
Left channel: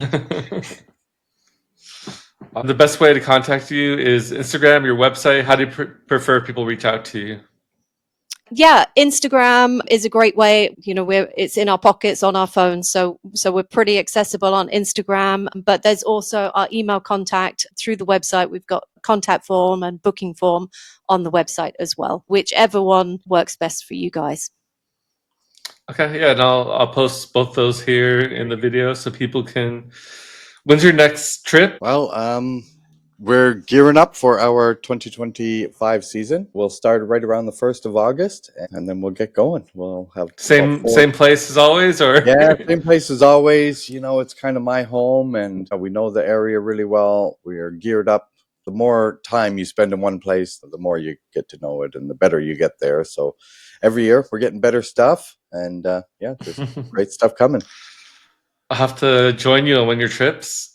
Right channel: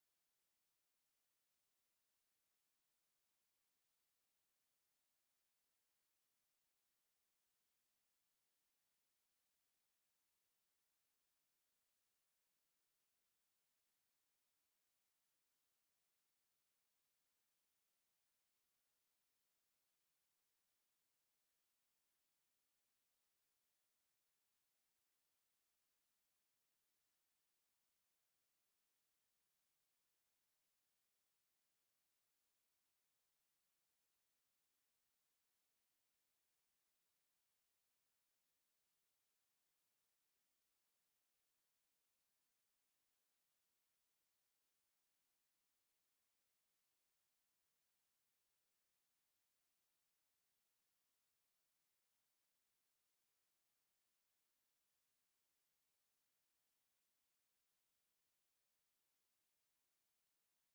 The best way to contact you is Instagram, your website. How do you prefer people reach out to you? Yeah, Instagram is a great way. It's in our pockets on our phones, so we're pretty accessible on Instagram. But there's also our email contact through the website. We've got contact form and booking form on the website as well. Whichever one works best for you guys. Okay, yeah, and I'll post both those here in the video so people can. When's your next trip? Well, we're gearing up for our 2025 season. We'll start right around the 1st of August, and then we'll get going. We'll have about Same place as always, or? Yeah, same place as always. It's kind of my home, and we know the area really well. We are geared up. The more time you spend in one place, the more you get to know it, and the better you get there. So every year we're getting better stuff, and yeah, there's great stuff coming. I'll have to join you on one of your trips.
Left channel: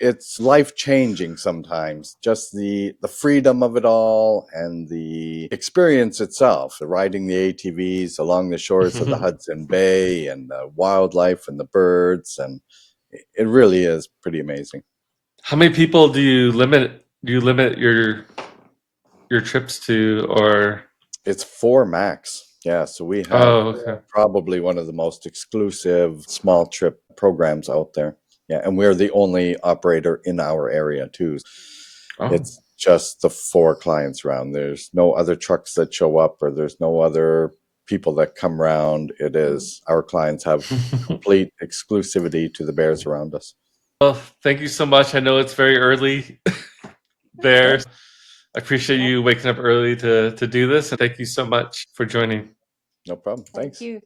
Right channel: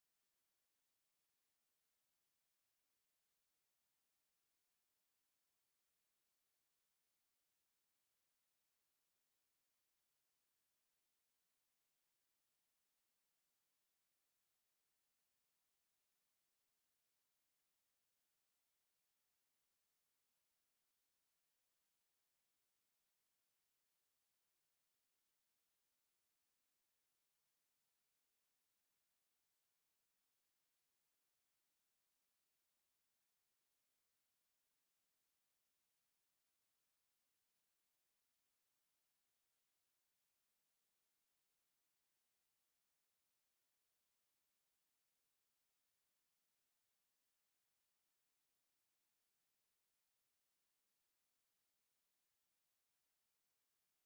It's life-changing sometimes, just the freedom of it all and the experience itself, riding the ATVs along the shores of the Hudson Bay, and the wildlife and the birds, and it really is pretty amazing. How many people do you limit your trips to, or? It's 4 max. Yeah, so we have Oh, okay. probably one of the most exclusive small trip programs out there. Yeah, and we're the only operator in our area too. Oh. It's just the 4 clients around. There's no other trucks that show up, or there's no other people that come around. It is, our clients have complete exclusivity to the bears around us. Well, thank you so much. I know it's very early there. I appreciate you waking up early to do this. And thank you so much for joining. No problem. Thank Thanks. you.